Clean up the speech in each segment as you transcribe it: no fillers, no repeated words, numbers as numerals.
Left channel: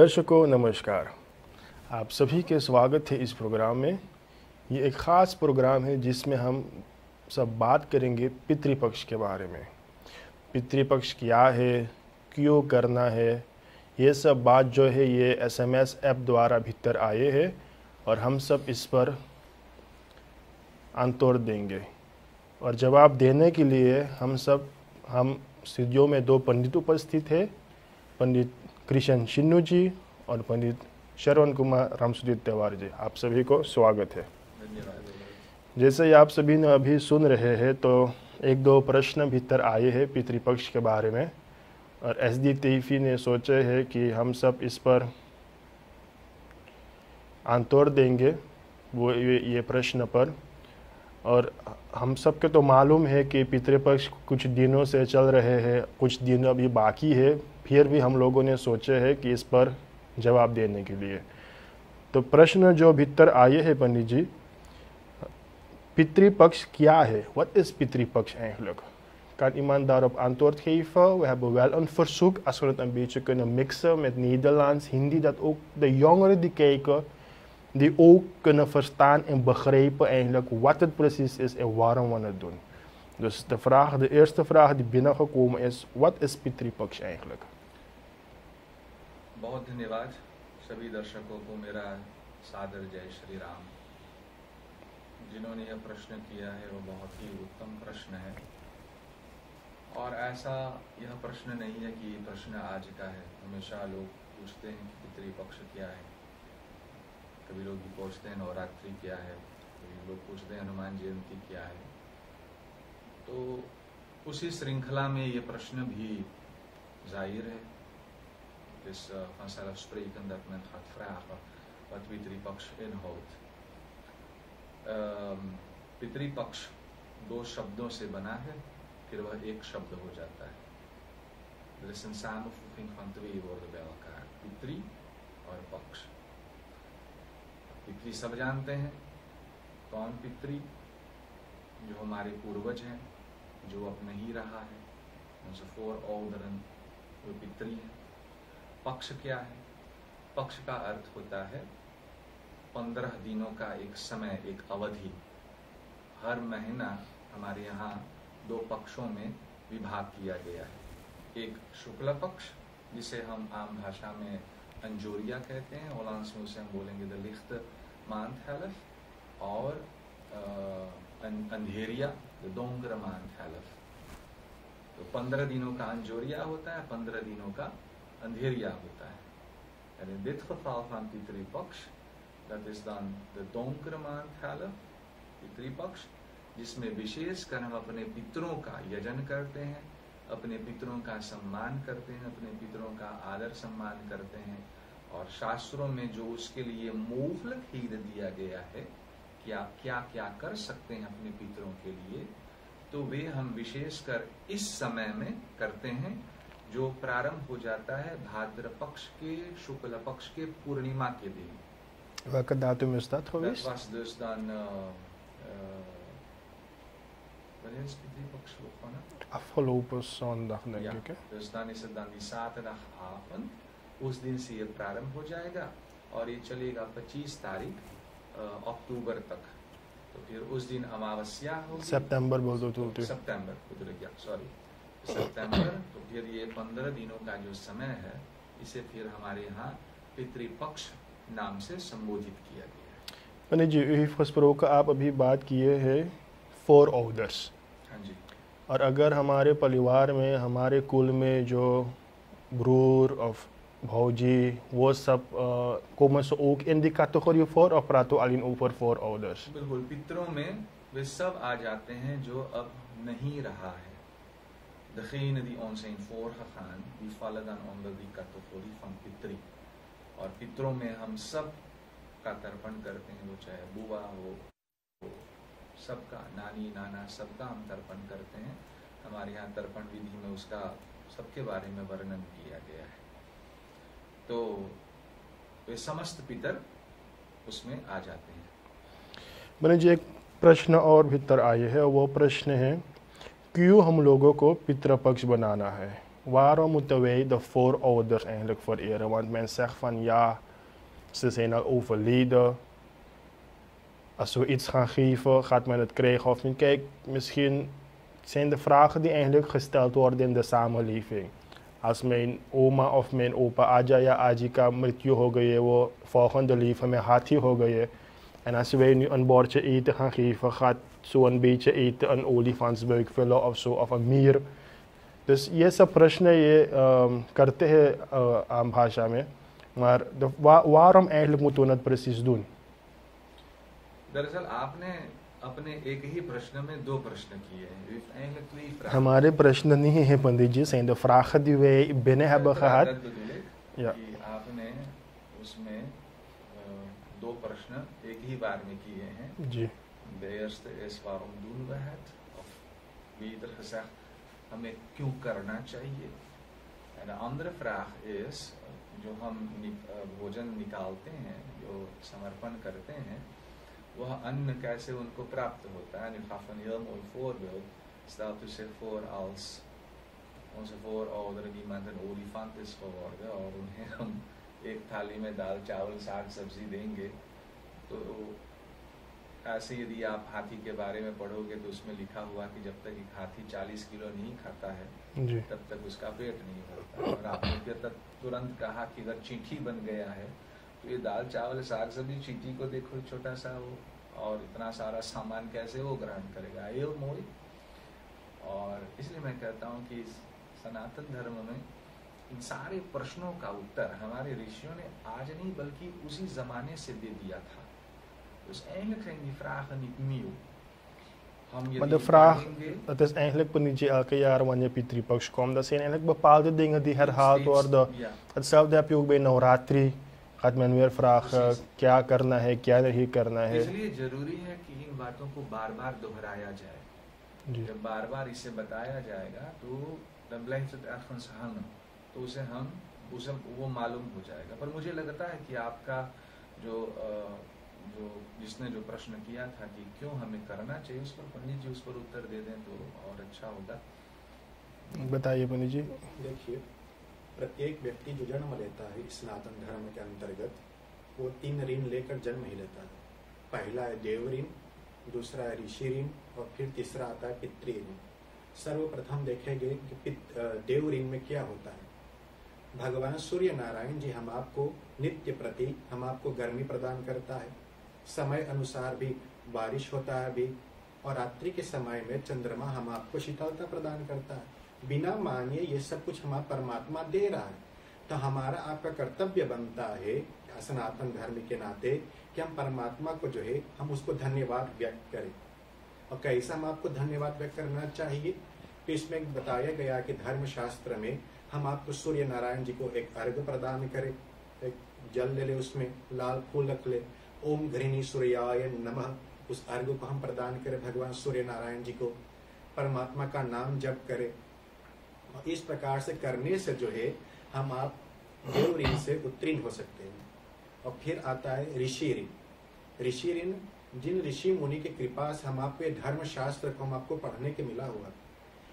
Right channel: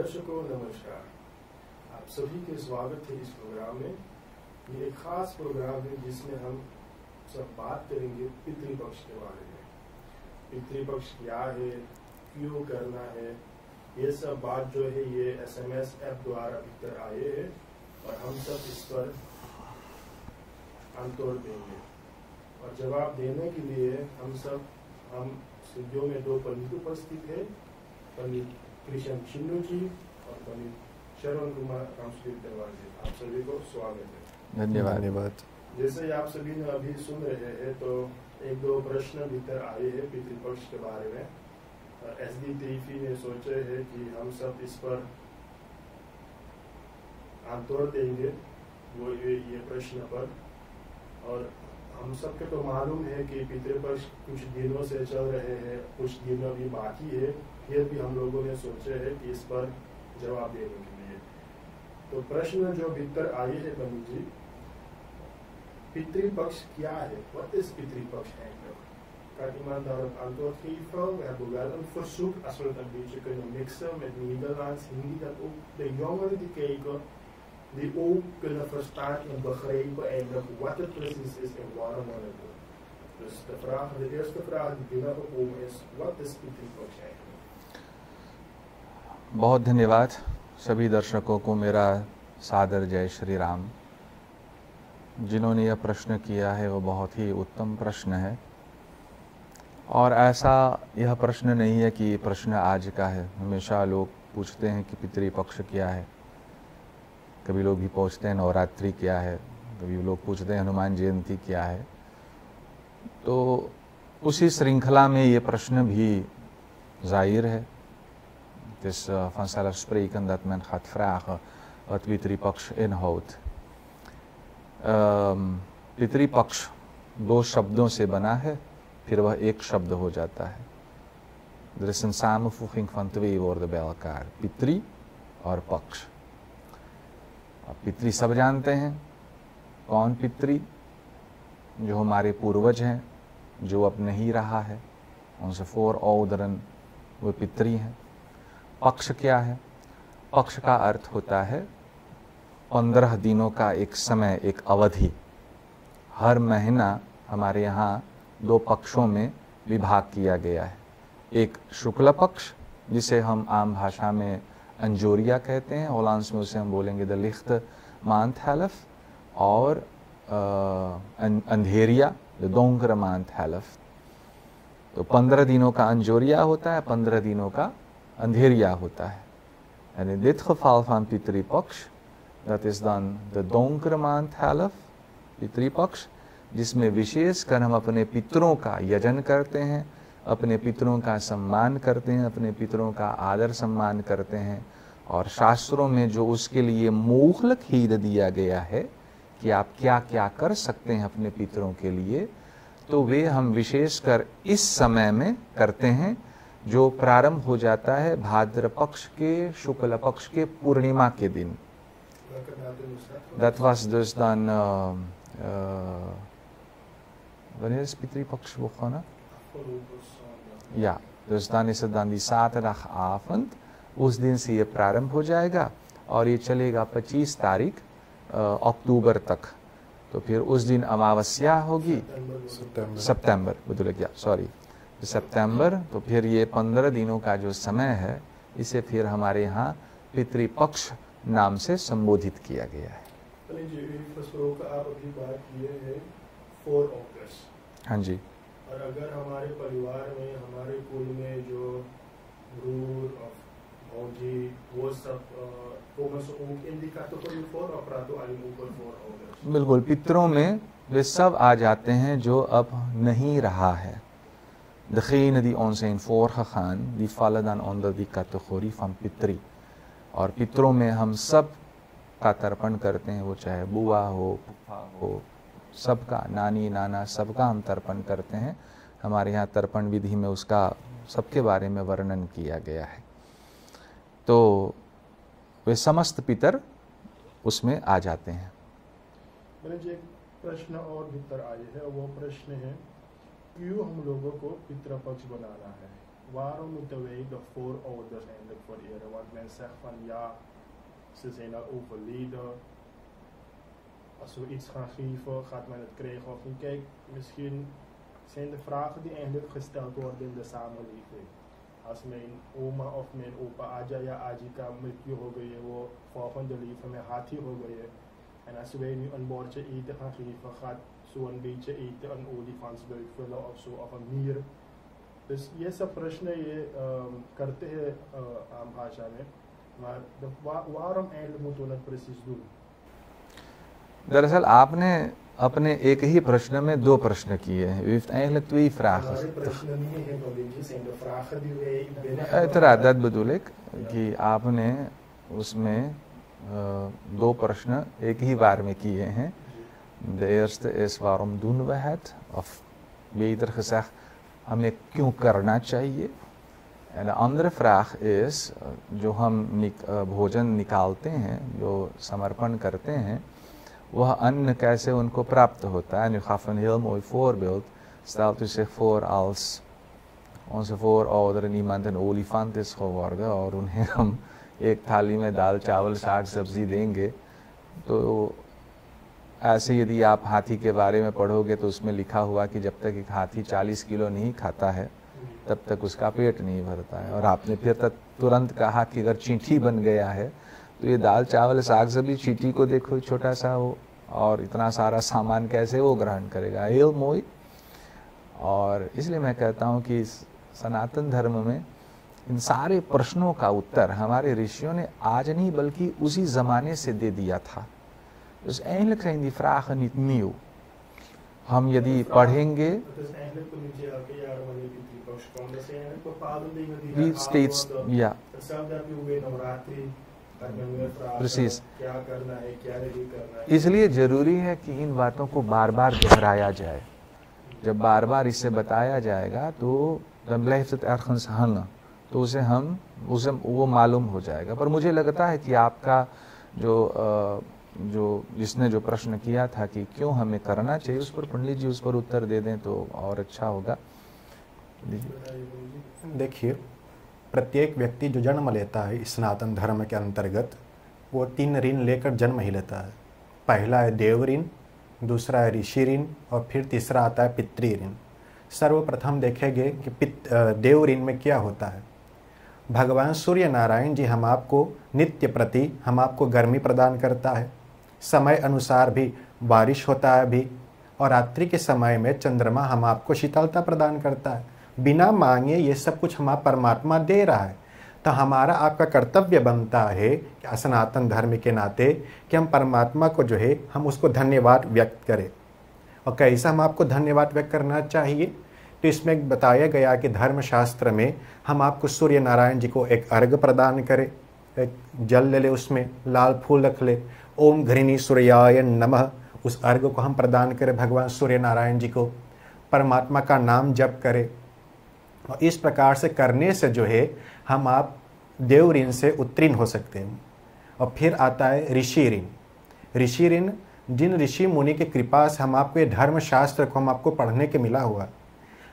दर्शकों नमस्कार। आप सभी के स्वागत है इस प्रोग्राम में। ये एक ख़ास प्रोग्राम है जिसमें हम सब बात करेंगे पितृपक्ष के बारे में। पितृपक्ष क्या है, क्यों करना है, ये सब बात जो है ये SMS ऐप द्वारा भीतर आए हैं और हम सब इस पर आंतोड़ देंगे। और जवाब देने के लिए हम स्टूडियो में दो पंडित उपस्थित है, पंडित कृष्ण शिन्नू जी और पंडित श्रवण कुमार रामसूरित तिवारी जी। आप सभी को स्वागत है। धन्यवाद। जैसे ही आप सभी ने अभी सुन रहे हैं तो एक दो प्रश्न भीतर आए हैं पितृपक्ष के बारे में और SD तैफी ने सोचे है कि हम सब इस पर आंतोड़ देंगे वो ये प्रश्न पर। और हम सब के तो मालूम है कि पितृपक्ष कुछ दिनों से चल रहे हैं, कुछ दिन अभी बाकी है, फिर भी हम लोगों ने सोचे है कि इस पर जवाब देने के लिए। तो प्रश्न जो भीतर आए हैं पंडित जी, पितृपक्ष क्या है? Wat is pietrypaks eigenlijk? Kan iemand daarop antwoord geven? We hebben wel een verzoek, als we het een beetje kunnen mixen met Nederlands, Hindi, dat ook de jongeren die kijken, die ook kunnen verstaan en begrijpen eigenlijk wat het precies is en waarom we het doen. Dus de eerste vraag die binnengekomen is, wat is pietrypaks eigenlijk? बहुत धन्यवाद। सभी दर्शकों को मेरा सादर जय श्री राम। जिन्होंने यह प्रश्न किया है वो बहुत ही उत्तम प्रश्न है और ऐसा यह प्रश्न नहीं है कि प्रश्न आज का है। हमेशा लोग पूछते हैं कि पितृपक्ष क्या है, कभी लोग भी पूछते हैं नवरात्रि क्या है, कभी लोग पूछते हैं हनुमान जयंती क्या है। तो उसी श्रृंखला में ये प्रश्न भी जाहिर है। Het is vanzelfsprekend dat men gaat vragen wat Pitrupaksha inhoudt। Pitrupaksha दो शब्दों से बना है, फिर वह एक शब्द हो जाता है। Er is een samenvoeging van twee woorden bij elkaar, पितृ और पक्ष। पितृ सब जानते हैं, कौन पितृ? जो हमारे पूर्वज हैं, जो अब नहीं रहा है, उनसे voorouderen वो पितृ हैं। पक्ष क्या है? पक्ष का अर्थ होता है 15 दिनों का एक समय, एक अवधि। हर महीना हमारे यहाँ दो पक्षों में विभाग किया गया है। एक शुक्ल पक्ष जिसे हम आम भाषा में अंजोरिया कहते हैं, होलांस में उसे हम बोलेंगे द लिख्त मांथ हेल्फ, और अंधेरिया द दोंकर मांथ हेल्फ। तो 15 दिनों का अंजोरिया होता है, 15 दिनों का अंधेरिया होता है। En in dit geval van pietrypaks, dat is dan de donkere maand helft, Pitrupaksha, जिसमें विशेषकर हम अपने पितरों का यजन करते हैं, अपने पितरों का सम्मान करते हैं, अपने पितरों का आदर सम्मान करते हैं। और शास्त्रों में जो उसके लिए मौखिक हित दिया गया है कि आप क्या क्या कर सकते हैं अपने पितरों के लिए, तो वे हम विशेषकर इस समय में करते हैं, जो प्रारंभ हो जाता है भाद्र पक्ष के शुक्ल पक्ष के पूर्णिमा के दिन। Welke datum is dat geweest? Dat was dus dan, wanneer is pietrypaks begonnen? Afgelopen zondag denk Ja, ik. Hè? dus dan is het dan die zaterdagavond, उस दिन से ये प्रारंभ हो जाएगा और ये चलेगा 25 तारीख अक्टूबर तक। तो फिर उस दिन अमावस्या होगी, सितंबर bedoel ik, ja, sorry, सितंबर। तो फिर ये 15 दिनों का जो समय है, इसे फिर हमारे यहाँ पितृपक्ष नाम से संबोधित किया गया है। पंडित जी, u heeft gesproken, आप अभी बात किए हैं voorouders। हाँ जी। और अगर हमारे परिवार में, हमारे कुल में जो broer of भौजी, वो सब komen ze ook in die categorie voor of praten we alleen over voorouders? बिल्कुल, पितरों में वे सब आ जाते हैं जो अब नहीं रहा है। Degenen die ons zijn voorgegaan, die vallen dan onder die categorie van पितृ। और पितरों में हम सब का तर्पण करते हैं, वो चाहे बुआ हो, फूफा हो, सबका, नानी नाना, सबका हम तर्पण करते हैं। हमारे यहाँ तर्पण विधि में उसका सबके बारे में वर्णन किया गया है। तो वे समस्त पितर उसमें आ जाते हैं। मैंने जी एक प्रश्न और भीतर आए है, वो प्रश्न है क्यों हम लोगों को पितृपक्ष बनाना है? waarom moeten wij de voorouders eigenlijk vereren? Want men zegt van ja, ze zijn al overleden. Als we iets gaan geven, gaat men het krijgen of niet. Kijk, misschien zijn de vragen die eigenlijk gesteld worden in de samenleving. Als mijn oma of mijn opa Ajaya Ajika Mrityu Hogaye, volgende leven met Hati Hogaye. En als wij nu een bordje eten gaan geven, gaat zo'n beetje eten een olifantsbuik vullen of zo, of een mier. Dus ये सब प्रश्न ये करते हैं आम भाषा में, maar waarom eigenlijk moeten we het precies doen? दरअसल आपने अपने एक ही प्रश्न में दो प्रश्न किए हैं. U heeft eigenlijk twee vragen. हमारे प्रश्न नहीं है पंडित जी, zijn de vragen die wij binnen hebben गया. gehad. dat bedoel ik, कि आपने उसमें दो प्रश्न एक ही बार में किए हैं. De eerste is waarom doen we het? Of beter gezegd, हमें क्यों करना चाहिए? En de andere vraag is, जो हम भोजन निकालते हैं, जो समर्पण करते हैं, वह अन्न कैसे उनको प्राप्त होता है? En u gaf een heel mooi voorbeeld. Stelt u zich voor als onze voorouderen iemand een olifant is geworden और उन्हें हम एक थाली में दाल चावल साग सब्जी देंगे, तो ऐसे यदि आप हाथी के बारे में पढ़ोगे तो उसमें लिखा हुआ कि जब तक एक हाथी 40 किलो नहीं खाता है तब तक उसका पेट नहीं भरता है. और आपने फिर तुरंत कहा कि अगर चींटी बन गया है तो ये दाल चावल साग सब्जी, चींटी को देखो छोटा सा हो और इतना सारा सामान कैसे वो ग्रहण करेगा? heel मोई. और इसलिए मैं कहता हूँ कि सनातन धर्म में इन सारे प्रश्नों का उत्तर हमारे ऋषियों ने आज नहीं बल्कि उसी ज़माने से दे दिया था. Dus eigenlijk zijn die vragen niet nieuw. Die pढ़ेंगे. Het is eigenlijk niet elke jaar wanneer Pitri Paks komt. Dat zijn eigenlijk bepaalde dingen die herhaald worden. Ja. Hetzelfde heb je ook bij Navratri. Gaat men weer vragen, क्या करना है, क्या नहीं करना है. इसलिए जरूरी है कि इन बातों को बार बार दोहराया जाए. जब बार बार इसे बताया जाएगा तो dan blijft het ergens hangen. तो उसे वो मालूम हो जाएगा. पर मुझे लगता है कि आपका जो जिसने जो प्रश्न किया था कि क्यों हमें करना चाहिए, उस पर पंडित जी उस पर उत्तर दे दें तो और अच्छा होगा. बताइए पंडित जी. देखिए, प्रत्येक व्यक्ति जो जन्म लेता है इस सनातन धर्म के अंतर्गत, वो 3 ऋण लेकर जन्म ही लेता है. पहला है देव ऋण, दूसरा है ऋषि ऋण और फिर तीसरा आता है पितृ ऋण. सर्वप्रथम देखेंगे कि देव ऋण में क्या होता है. भगवान सूर्य नारायण जी हम आपको नित्य प्रति हम आपको गर्मी प्रदान करता है. समय अनुसार भी बारिश होता है भी, और रात्रि के समय में चंद्रमा हम आपको शीतलता प्रदान करता है. बिना मांगे ये सब कुछ हम परमात्मा दे रहा है. तो हमारा आपका कर्तव्य बनता है सनातन धर्म के नाते कि हम परमात्मा को जो है हम उसको धन्यवाद व्यक्त करें. और कैसा हम आपको धन्यवाद व्यक्त करना चाहिए, तो इसमें बताया गया कि धर्मशास्त्र में हम आपको सूर्य नारायण जी को एक अर्घ प्रदान करें. एक जल ले ले, उसमें लाल फूल रख ले, ओम घृणी सूर्याय नमः, उस अर्घ को हम प्रदान करें भगवान सूर्य नारायण जी को. परमात्मा का नाम जप करें. और इस प्रकार से करने से जो है हम आप देव ऋण से उत्तीर्ण हो सकते हैं. और फिर आता है ऋषि ऋण. ऋषि ऋण जिन ऋषि मुनि की कृपा से हम आपको ये धर्मशास्त्र को हम आपको पढ़ने के मिला हुआ.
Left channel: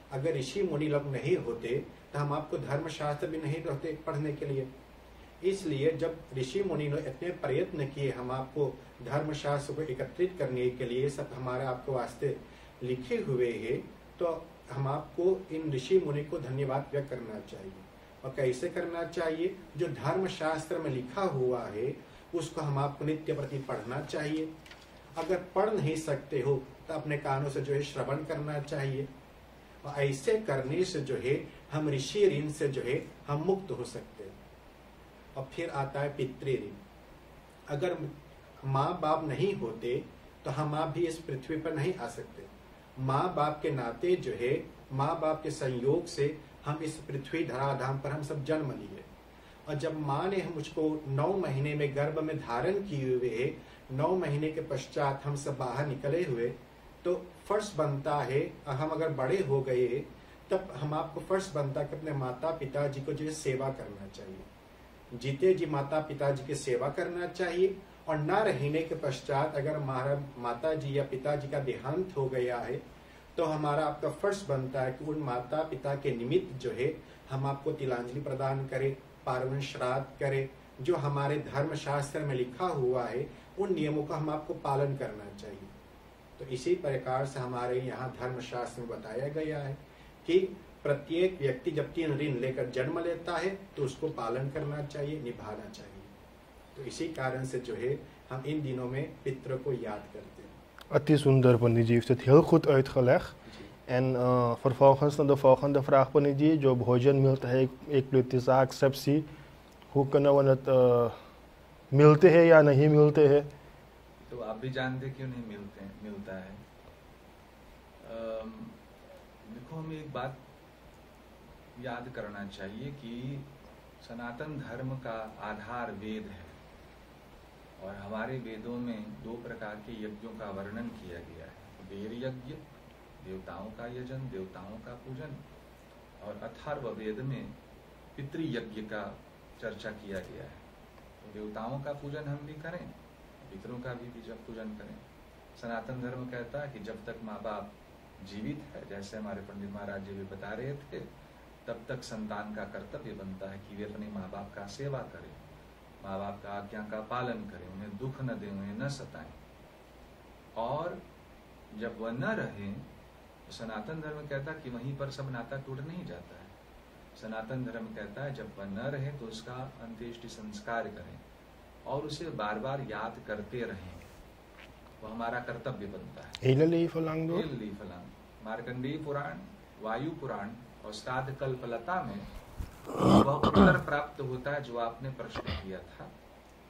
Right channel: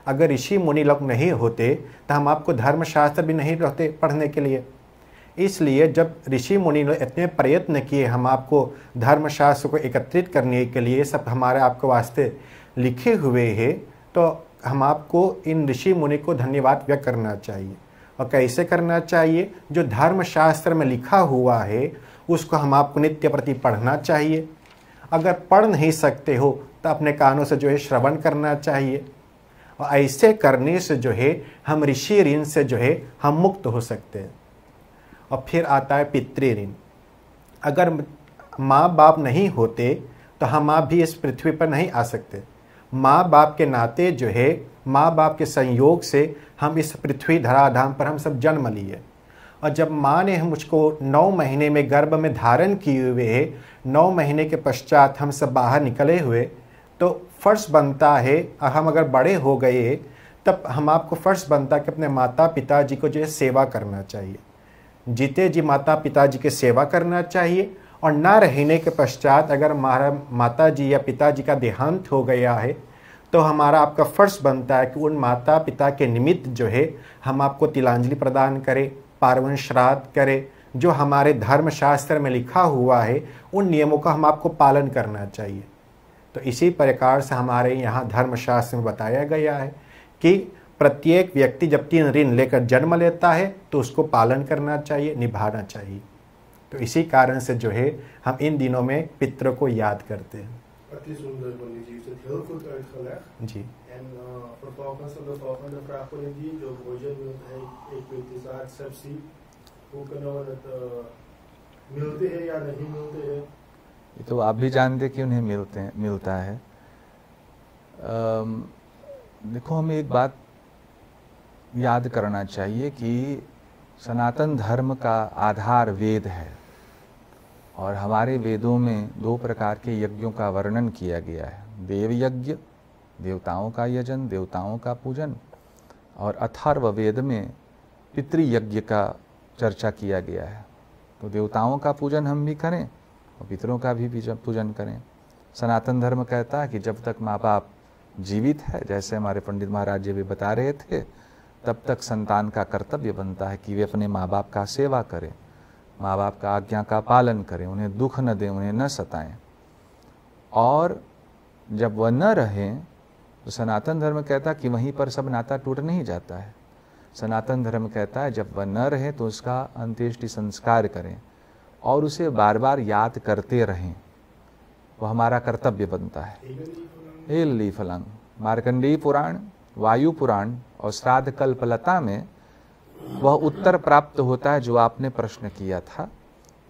अगर ऋषि मुनि लोग नहीं होते तो हम आपको धर्मशास्त्र भी नहीं रहते पढ़ने के लिए. इसलिए जब ऋषि मुनि ने इतने प्रयत्न किए हम आपको धर्मशास्त्र को एकत्रित करने के लिए, सब हमारे आपके वास्ते लिखे हुए हैं, तो हम आपको इन ऋषि मुनि को धन्यवाद व्यक्त करना चाहिए. और कैसे करना चाहिए? जो धर्मशास्त्र में लिखा हुआ है उसको हम आपको नित्य प्रति पढ़ना चाहिए. अगर पढ़ नहीं सकते हो तो अपने कानों से जो है श्रवण करना चाहिए. और ऐसे करने से जो है हम ऋषि ऋण से जो है हम मुक्त हो सकते हैं. और फिर आता है पितृ ऋण. अगर माँ बाप नहीं होते तो हम आप भी इस पृथ्वी पर नहीं आ सकते. माँ बाप के नाते जो है, माँ बाप के संयोग से हम इस पृथ्वी धराधाम पर हम सब जन्म लिए. और जब माँ ने मुझको 9 महीने में गर्भ में धारण किए हुए है, 9 महीने के पश्चात हम सब बाहर निकले हुए, तो फर्ज बनता है, हम अगर बड़े हो गए तब हम आपको फर्ज बनता है कि अपने माता पिता जी को जो है सेवा करना चाहिए. जीते जी माता पिता जी की सेवा करना चाहिए. और ना रहने के पश्चात अगर हमारा माता जी या पिताजी का देहांत हो गया है तो तो हमारा आपका फर्ज बनता है कि उन माता पिता के निमित्त जो है हम आपको तिलांजलि प्रदान करें, पार्वन श्राद्ध करें। जो हमारे धर्मशास्त्र में लिखा हुआ है उन नियमों का हम आपको पालन करना चाहिए। तो इसी प्रकार से हमारे यहाँ धर्मशास्त्र में बताया गया है कि प्रत्येक व्यक्ति जब 3 ऋण लेकर जन्म लेता है तो उसको पालन करना चाहिए, निभाना चाहिए। तो इसी कारण से जो है हम इन दिनों में पितरों को याद करते हैं। Het is wonder, Panditji heeft het heel goed uitgelegd. Ji En vervolgens naar de volgende vraag, Panditji. जो भोजन मिलता है एक प्लेट साग सब्जी, वो kunnen we het मिलते हैं या नहीं मिलते हैं? तो आप भी जानते कि उन्हें मिलता है। देखो, हमें एक बात याद करना चाहिए कि सनातन धर्म का आधार वेद है और हमारे वेदों में 2 प्रकार के यज्ञों का वर्णन किया गया है। देव यज्ञ, देवताओं का यजन, देवताओं का पूजन, और अथर्व वेद में पितृयज्ञ का चर्चा किया गया है। तो देवताओं का पूजन हम भी करें और पितरों का भी पूजन करें। सनातन धर्म कहता है कि जब तक माँ बाप जीवित है, जैसे हमारे पंडित महाराज जी भी बता रहे थे, तब तक संतान का कर्तव्य बनता है कि वे अपने माँ बाप का सेवा करें, माँ बाप का आज्ञा का पालन करें, उन्हें दुख न दें, उन्हें न सताएं। और जब वह न रहें तो सनातन धर्म कहता है कि वहीं पर सब नाता टूट नहीं जाता है। सनातन धर्म कहता है जब वह न रहे तो उसका अंत्येष्टि संस्कार करें और उसे बार बार याद करते रहें, वह हमारा कर्तव्य बनता है। Hele leven lang। मार्कंडेय पुराण, वायु पुराण और श्राद्ध कल्पलता में वह उत्तर प्राप्त होता है जो आपने प्रश्न किया था,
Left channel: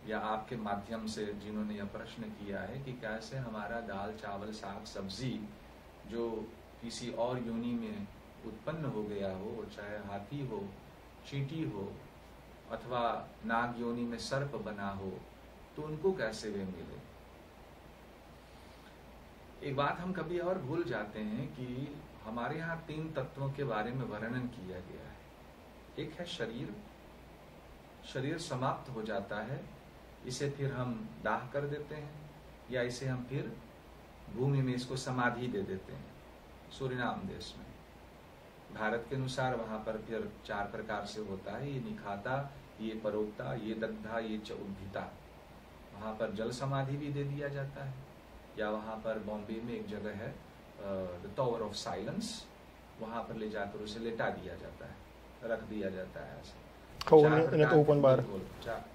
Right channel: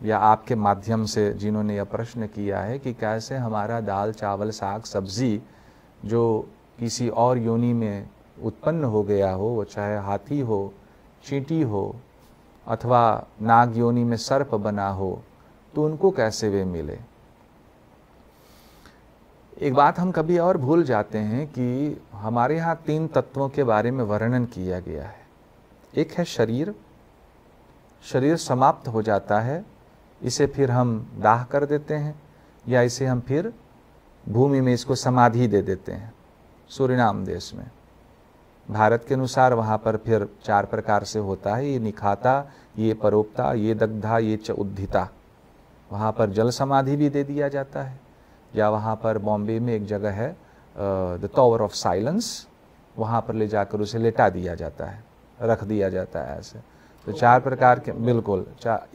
या आपके माध्यम से जिन्होंने यह प्रश्न किया है कि कैसे हमारा दाल चावल साग सब्जी जो किसी और योनि में उत्पन्न हो गया हो, वो चाहे हाथी हो, चींटी हो अथवा नाग योनि में सर्प बना हो, तो उनको कैसे वे मिले। एक बात हम कभी और भूल जाते हैं कि हमारे यहाँ 3 तत्वों के बारे में वर्णन किया गया है। एक है शरीर। शरीर समाप्त हो जाता है, इसे फिर हम दाह कर देते हैं या इसे हम फिर भूमि में इसको समाधि दे देते हैं। सूरीनाम देश में, भारत के अनुसार वहाँ पर फिर 4 प्रकार से होता है, ये निखाता, ये परोपता, ये दग्धा, ये च उद्धिता। वहाँ पर जल समाधि भी दे दिया जाता है, या वहाँ पर बॉम्बे में एक जगह है द टावर ऑफ साइलेंस, वहाँ पर ले जाकर उसे लेटा दिया जाता है, रख दिया जाता है ऐसे। तो 4 प्रकार के, बिल्कुल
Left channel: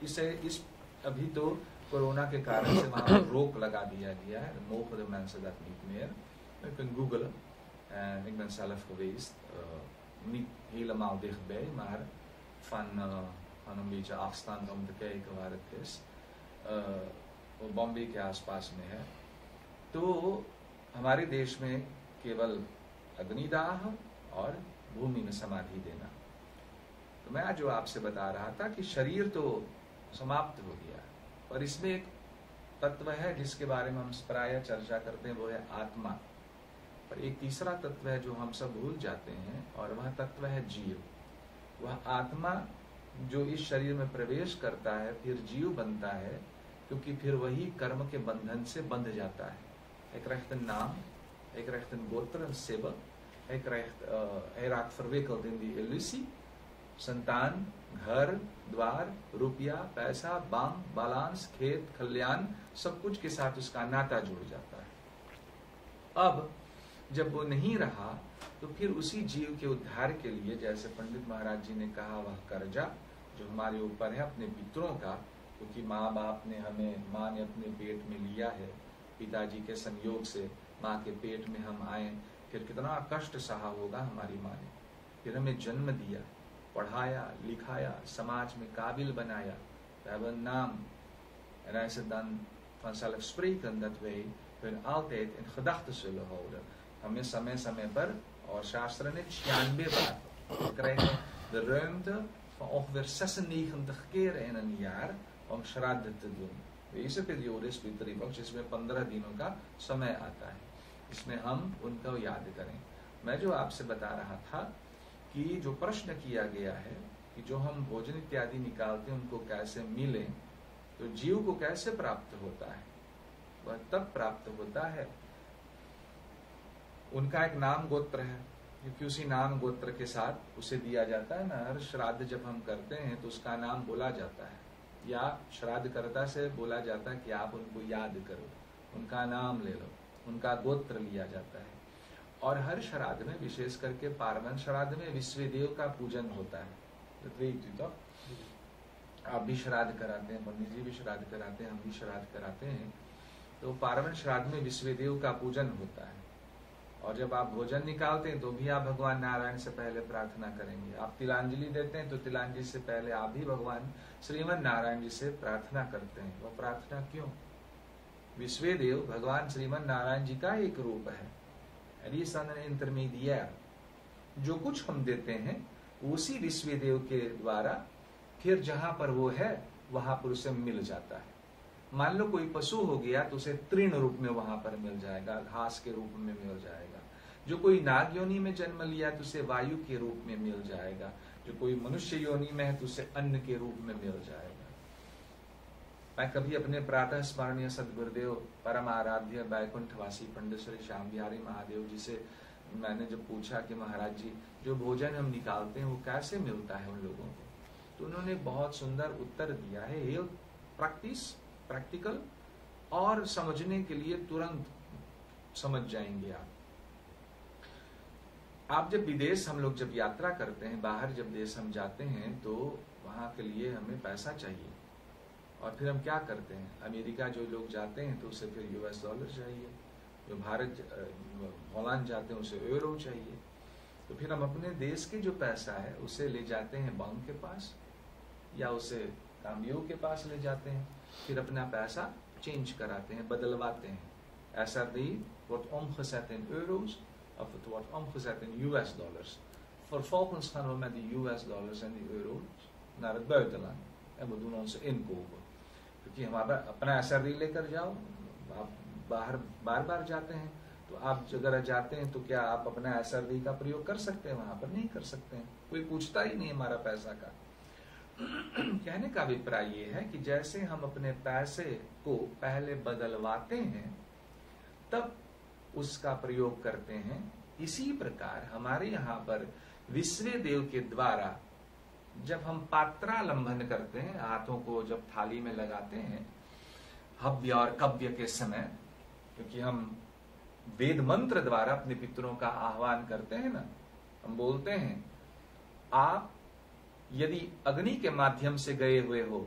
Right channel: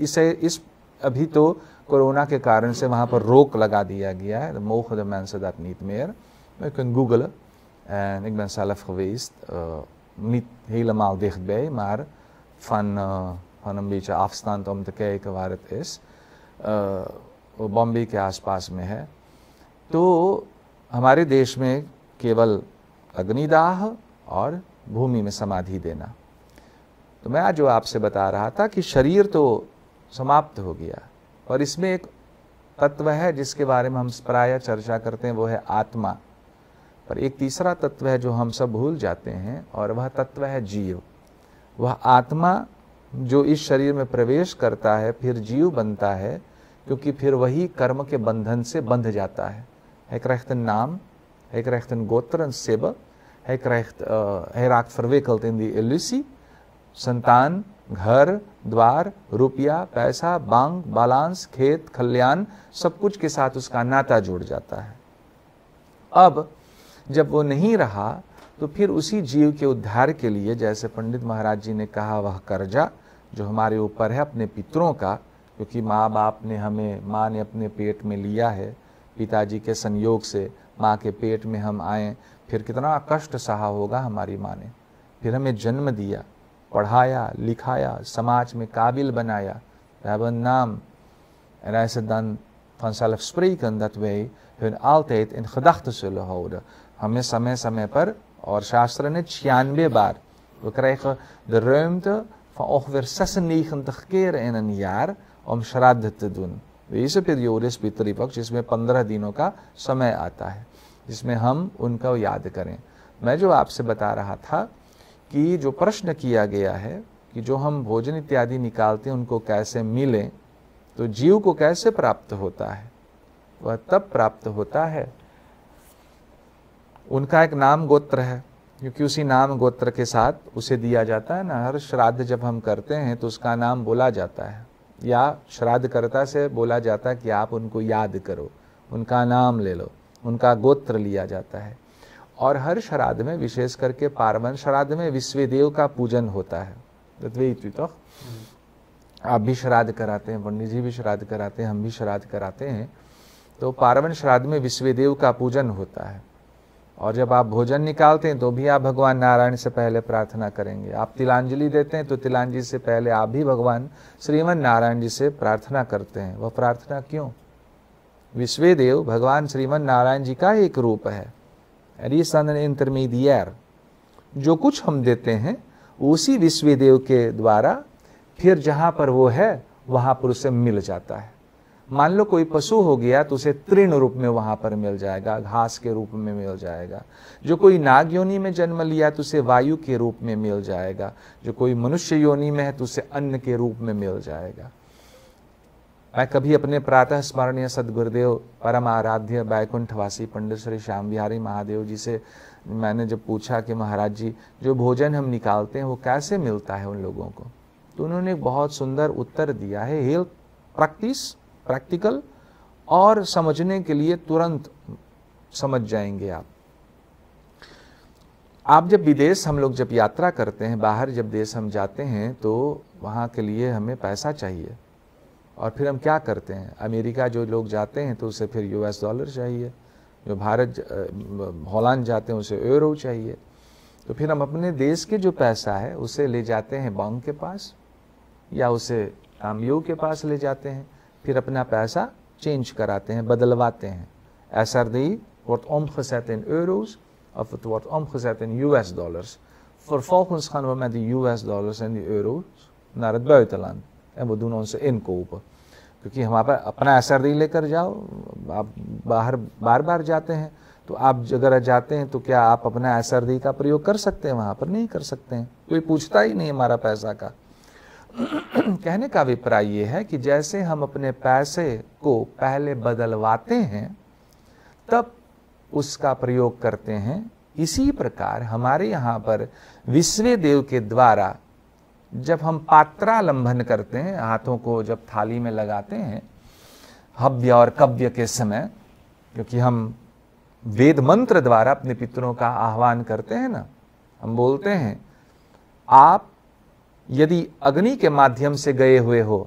इस अभी तो कोरोना के कारण से वहाँ पर रोक लगा दिया गया है। मोgen de mensen dat niet meer. Je kunt googlen. En ik ben zelf geweest, niet helemaal dichtbij, maar van een beetje afstand om te kijken waar het is. Bombay के आसपास में है। तो हमारे देश में केवल अग्निदाह और भूमि में समाधि देना। तो मैं आज जो आपसे बता रहा था कि शरीर तो समाप्त हो गया, और इसमें एक तत्व है जिसके बारे में हम प्रायः चर्चा करते हैं, वो है आत्मा। पर एक तीसरा तत्व है जो हम सब भूल जाते हैं, और वह तत्व है जीव। वह आत्मा जो इस शरीर में प्रवेश करता है फिर जीव बनता है, क्योंकि फिर वही कर्म के बंधन से बंध जाता है। Hij krijgt een naam, hij krijgt een gotter, een sibbe, hij raakt verwikkeld in die illusie। संतान, घर द्वार, रुपया, पैसा, बैंक बैलेंस, खेत खलियान, सब कुछ के साथ उसका नाता जुड़ जाता है। अब जब वो नहीं रहा तो फिर उसी जीव के उद्धार के लिए, जैसे पंडित महाराज जी ने कहा, वह कर्जा जो हमारे ऊपर है अपने पितरों का, क्योंकि माँ बाप ने हमें, माँ ने अपने पेट में लिया है, पिताजी के संयोग से माँ के पेट में हम आए, फिर कितना कष्ट सहा होगा हमारी माँ ने, फिर हमें जन्म दिया, पढ़ाया लिखाया, समाज में काबिल बनाया। We hebben een naam. En hij is dan vanzelfsprekend dat wij hun altijd in gedachten zullen houden. हमें समय समय पर, और शास्त्र ने 96 बार, we krijgen de ruimte van ongeveer 96 keren in een jaar om श्राद्ध te doen। इस पीरियड इस पितृ पक्ष जिसमें 15 दिनों का समय आता है, जिसमें हम उनका याद करें। मैं जो आपसे बता रहा था कि जो प्रश्न किया गया है कि जो हम भोजन इत्यादि निकालते हैं उनको कैसे मिले, तो जीव को कैसे प्राप्त होता है, वह तब प्राप्त होता है उनका एक नाम गोत्र है, क्योंकि उसी नाम गोत्र के साथ उसे दिया जाता है ना। हर श्राद्ध जब हम करते हैं तो उसका नाम बोला जाता है, या श्राद्धकर्ता से बोला जाता है कि आप उनको याद करो, उनका नाम ले लो, उनका गोत्र लिया जाता है। और हर श्राद्ध में, विशेष करके पार्वन श्राद्ध में, विश्वदेव का पूजन होता है। तो आप भी श्राद्ध कराते हैं, पंडित जी भी श्राद्ध कराते हैं, हम भी श्राद्ध कराते हैं। तो पार्वन श्राद्ध में विश्वदेव का पूजन होता है। और जब आप भोजन निकालते हैं तो भी आप भगवान नारायण से पहले प्रार्थना करेंगे। आप तिलांजलि देते हैं तो तिलांजलि से पहले आप भी भगवान श्रीमन नारायण जी से प्रार्थना करते हैं। वह प्रार्थना क्यों? विश्वदेव भगवान श्रीमन नारायण जी का एक रूप है। इंटरमीडियर जो कुछ हम देते हैं उसी विश्वदेव के द्वारा फिर जहां पर वो है वहां पर उसे मिल जाता है। मान लो कोई पशु हो गया तो उसे तृण रूप में वहां पर मिल जाएगा, घास के रूप में मिल जाएगा। जो कोई नाग योनि में जन्म लिया तो उसे वायु के रूप में मिल जाएगा। जो कोई मनुष्य योनि में है तो उसे अन्न के रूप में मिल जाएगा। मैं कभी अपने प्रातः स्मरणीय सदगुरुदेव परम आराध्य बैकुंठवासी पंडित श्री श्याम बिहारी महादेव जी से मैंने जब पूछा कि महाराज जी जो भोजन हम निकालते हैं वो कैसे मिलता है उन लोगों को, तो उन्होंने एक बहुत सुंदर उत्तर दिया है। हेल्थ प्रैक्टिकल और समझने के लिए तुरंत समझ जाएंगे आप जब विदेश हम लोग जब यात्रा करते हैं, बाहर जब देश हम जाते हैं तो वहाँ के लिए हमें पैसा चाहिए। और फिर हम क्या करते हैं, अमेरिका जो लोग जाते हैं तो उसे फिर US डॉलर चाहिए, जो भारत हॉलैंड जाते हैं उसे यूरो चाहिए। तो फिर हम अपने देश के जो पैसा है उसे ले जाते हैं बैंक के पास या उसे कामयू के पास ले जाते हैं, फिर अपना पैसा चेंज कराते हैं, बदलवाते हैं। SRD wordt omgezet in euro's of het wordt omgezet in US dollars. Vervolgens gaan we met de US dollars en die euro's naar het buitenland en we doen onze inkopen। क्योंकि हमारे पास अपना SRD लेकर जाओ, आप बाहर बार बार जाते हैं तो आप अगर जाते हैं तो क्या आप अपना SRD का प्रयोग कर सकते हैं? वहां पर नहीं कर सकते हैं, कोई पूछता ही नहीं हमारा पैसा का। कहने का अभिप्राय ये है कि जैसे हम अपने पैसे को पहले बदलवाते हैं तब उसका प्रयोग करते हैं, इसी प्रकार हमारे यहाँ पर विश्वदेव के द्वारा जब हम पात्रालंबन करते हैं, हाथों को जब थाली में लगाते हैं हव्य और कव्य के समय, क्योंकि हम वेद मंत्र द्वारा अपने पितरों का आह्वान करते हैं ना, हम बोलते हैं आप यदि अग्नि के माध्यम से गए हुए हो,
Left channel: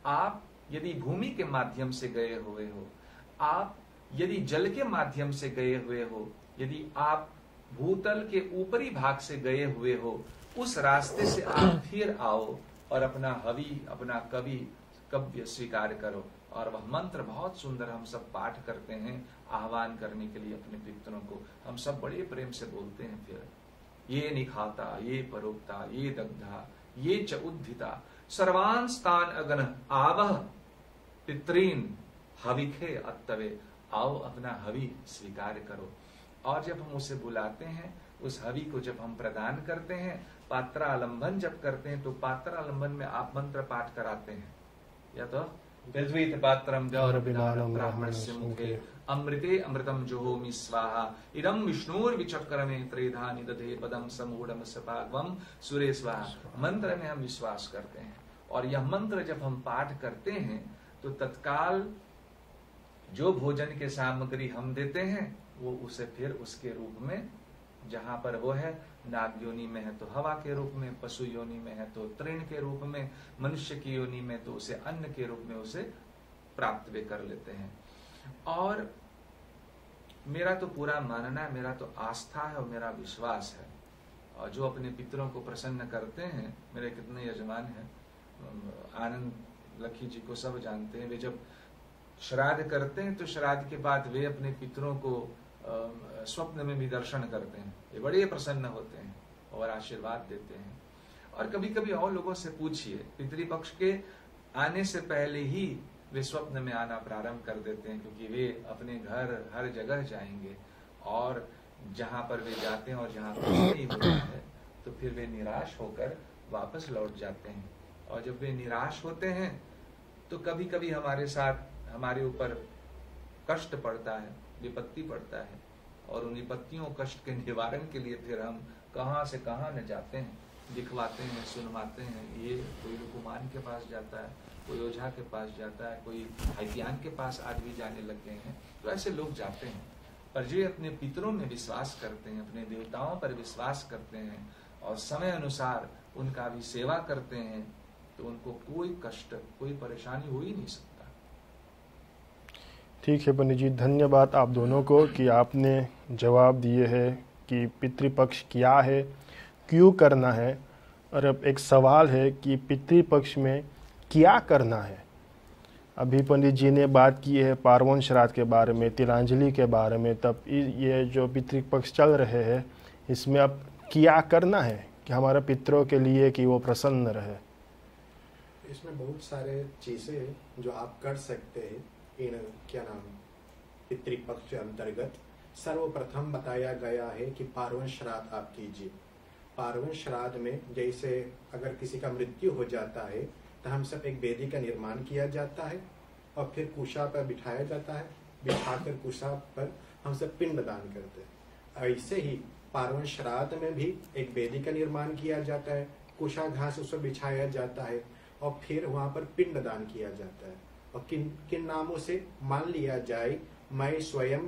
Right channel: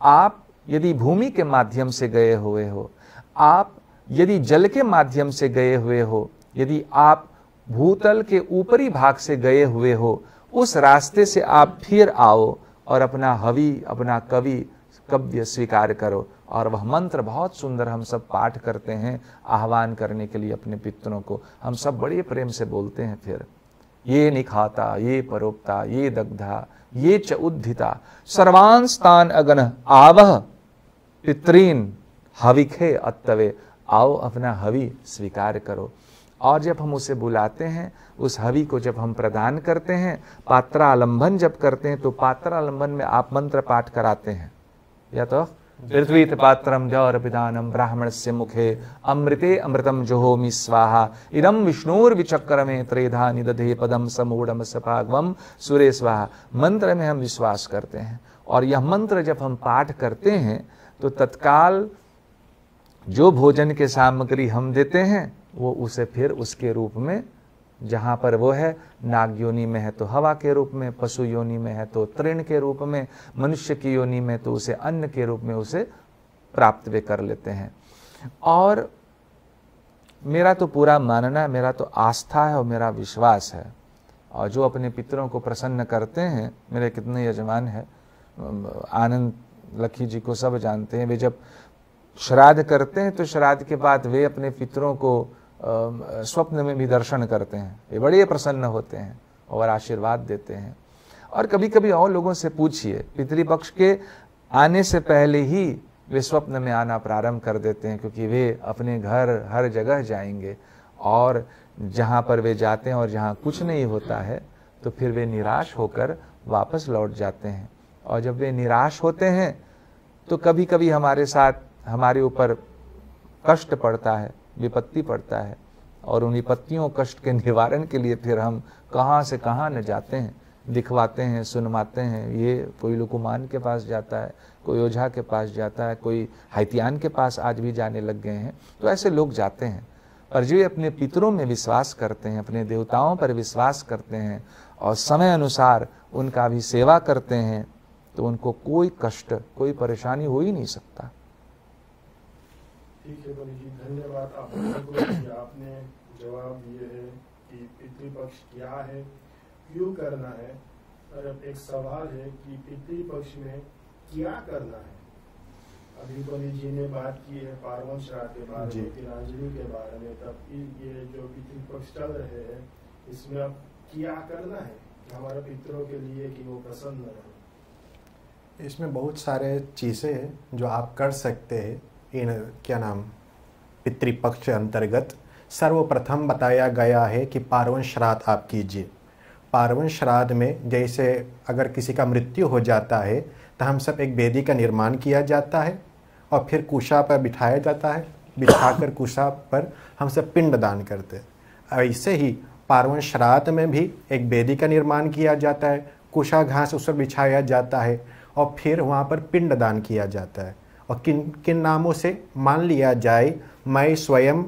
आप यदि भूमि के माध्यम से गए हुए हो, आप यदि जल के माध्यम से गए हुए हो, यदि आप भूतल के ऊपरी भाग से गए हुए हो, उस रास्ते से आप फिर आओ और अपना हवि, अपना कव्य स्वीकार करो। और वह मंत्र बहुत सुंदर हम सब पाठ करते हैं आह्वान करने के लिए अपने पितरों को, हम सब बड़े प्रेम से बोलते हैं। फिर ये निखाता, ये परोक्ता, ये दग्धा, ये च उद्धिता, सर्वांस्तान अगन आवह पितरीन हविखे अत्तवे। आओ अपना हवि स्वीकार करो। और जब हम उसे बुलाते हैं, उस हवि को जब हम प्रदान करते हैं, पात्रालंबन जब करते हैं तो पात्रालंबन में आप मंत्र पाठ कराते हैं, या तो पृथ्वी पात्रम द्यौरपिदानम ब्राह्मणस्य मुखे अमृते अमृतम जुहोमि स्वाहा इदम विष्णुर्विचक्रमे त्रेधा निदधे पदम समूढ़म सपागवम सुरे स्वाहा। मंत्र में हम विश्वास करते हैं और यह मंत्र जब हम पाठ करते हैं तो तत्काल जो भोजन के सामग्री हम देते हैं वो उसे फिर उसके रूप में, जहां पर वो है, नाग योनि में है तो हवा के रूप में, पशु योनि में है तो तृण के रूप में, मनुष्य की योनि में तो उसे अन्न के रूप में उसे प्राप्त वे कर लेते हैं। और मेरा तो पूरा मानना है, मेरा तो आस्था है और मेरा विश्वास है। और जो अपने पितरों को प्रसन्न करते हैं, मेरे कितने यजमान हैं, आनंद लखी जी को सब जानते हैं, वे जब श्राद्ध करते हैं तो श्राद्ध के बाद वे अपने पितरों को स्वप्न में भी दर्शन करते हैं। वे बड़े प्रसन्न होते हैं और आशीर्वाद देते हैं। और कभी कभी और लोगों से पूछिए, पितृपक्ष के आने से पहले ही वे स्वप्न में आना प्रारंभ कर देते हैं, क्योंकि वे अपने घर हर जगह जाएंगे और जहाँ पर वे जाते हैं और जहाँ कुछ नहीं होता है तो फिर वे निराश होकर वापस लौट जाते हैं। और जब वे निराश होते हैं तो कभी कभी हमारे साथ, हमारे ऊपर कष्ट पड़ता है, विपत्ति पड़ता है, और उन विपत्तियों कष्ट के निवारण के लिए फिर हम कहाँ से कहाँ न जाते हैं, दिखवाते हैं, सुनवाते हैं। ये कोई लुकुमान के पास जाता है, कोई ओझा के पास जाता है, कोई हाइतियान के पास आज भी जाने लग गए हैं। तो ऐसे लोग जाते हैं, और जो अपने पितरों में विश्वास करते हैं, अपने देवताओं पर विश्वास करते हैं और समय अनुसार उनका भी सेवा करते हैं, तो उनको कोई कष्ट, कोई परेशानी हो ही नहीं सकता। ठीक है पंडित जी, धन्यवाद आप दोनों को कि आपने जवाब दिए हैं कि पितृपक्ष क्या है, क्यों करना है, और अब एक सवाल है कि पितृपक्ष में क्या करना है। अभी पंडित जी ने बात की है पार्वन श्राद्ध के बारे में, तिलांजलि के बारे में, तब ये जो पितृपक्ष चल रहे हैं इसमें अब क्या करना है कि हमारे पितरों के लिए कि वो प्रसन्न रहे। इसमें बहुत सारे चीज़ें हैं जो आप कर सकते हैं इन पितृपक्ष के अंतर्गत। सर्वप्रथम बताया गया है कि पार्वन श्राद्ध आप कीजिए। पार्वन श्राद्ध में जैसे अगर किसी का मृत्यु हो जाता है तो हम सब एक वेदी का निर्माण किया जाता है और फिर कुशा पर बिठाया जाता है, बिठाकर कुशा पर हम सब पिंड दान करते हैं। ऐसे ही पार्वन श्राद्ध में भी एक वेदी का निर्माण किया जाता है, कुशा घास उस पर बिछाया जाता है और फिर वहाँ पर पिंड दान किया जाता है। और किन किन नामों से मान लिया जाए, मैं स्वयं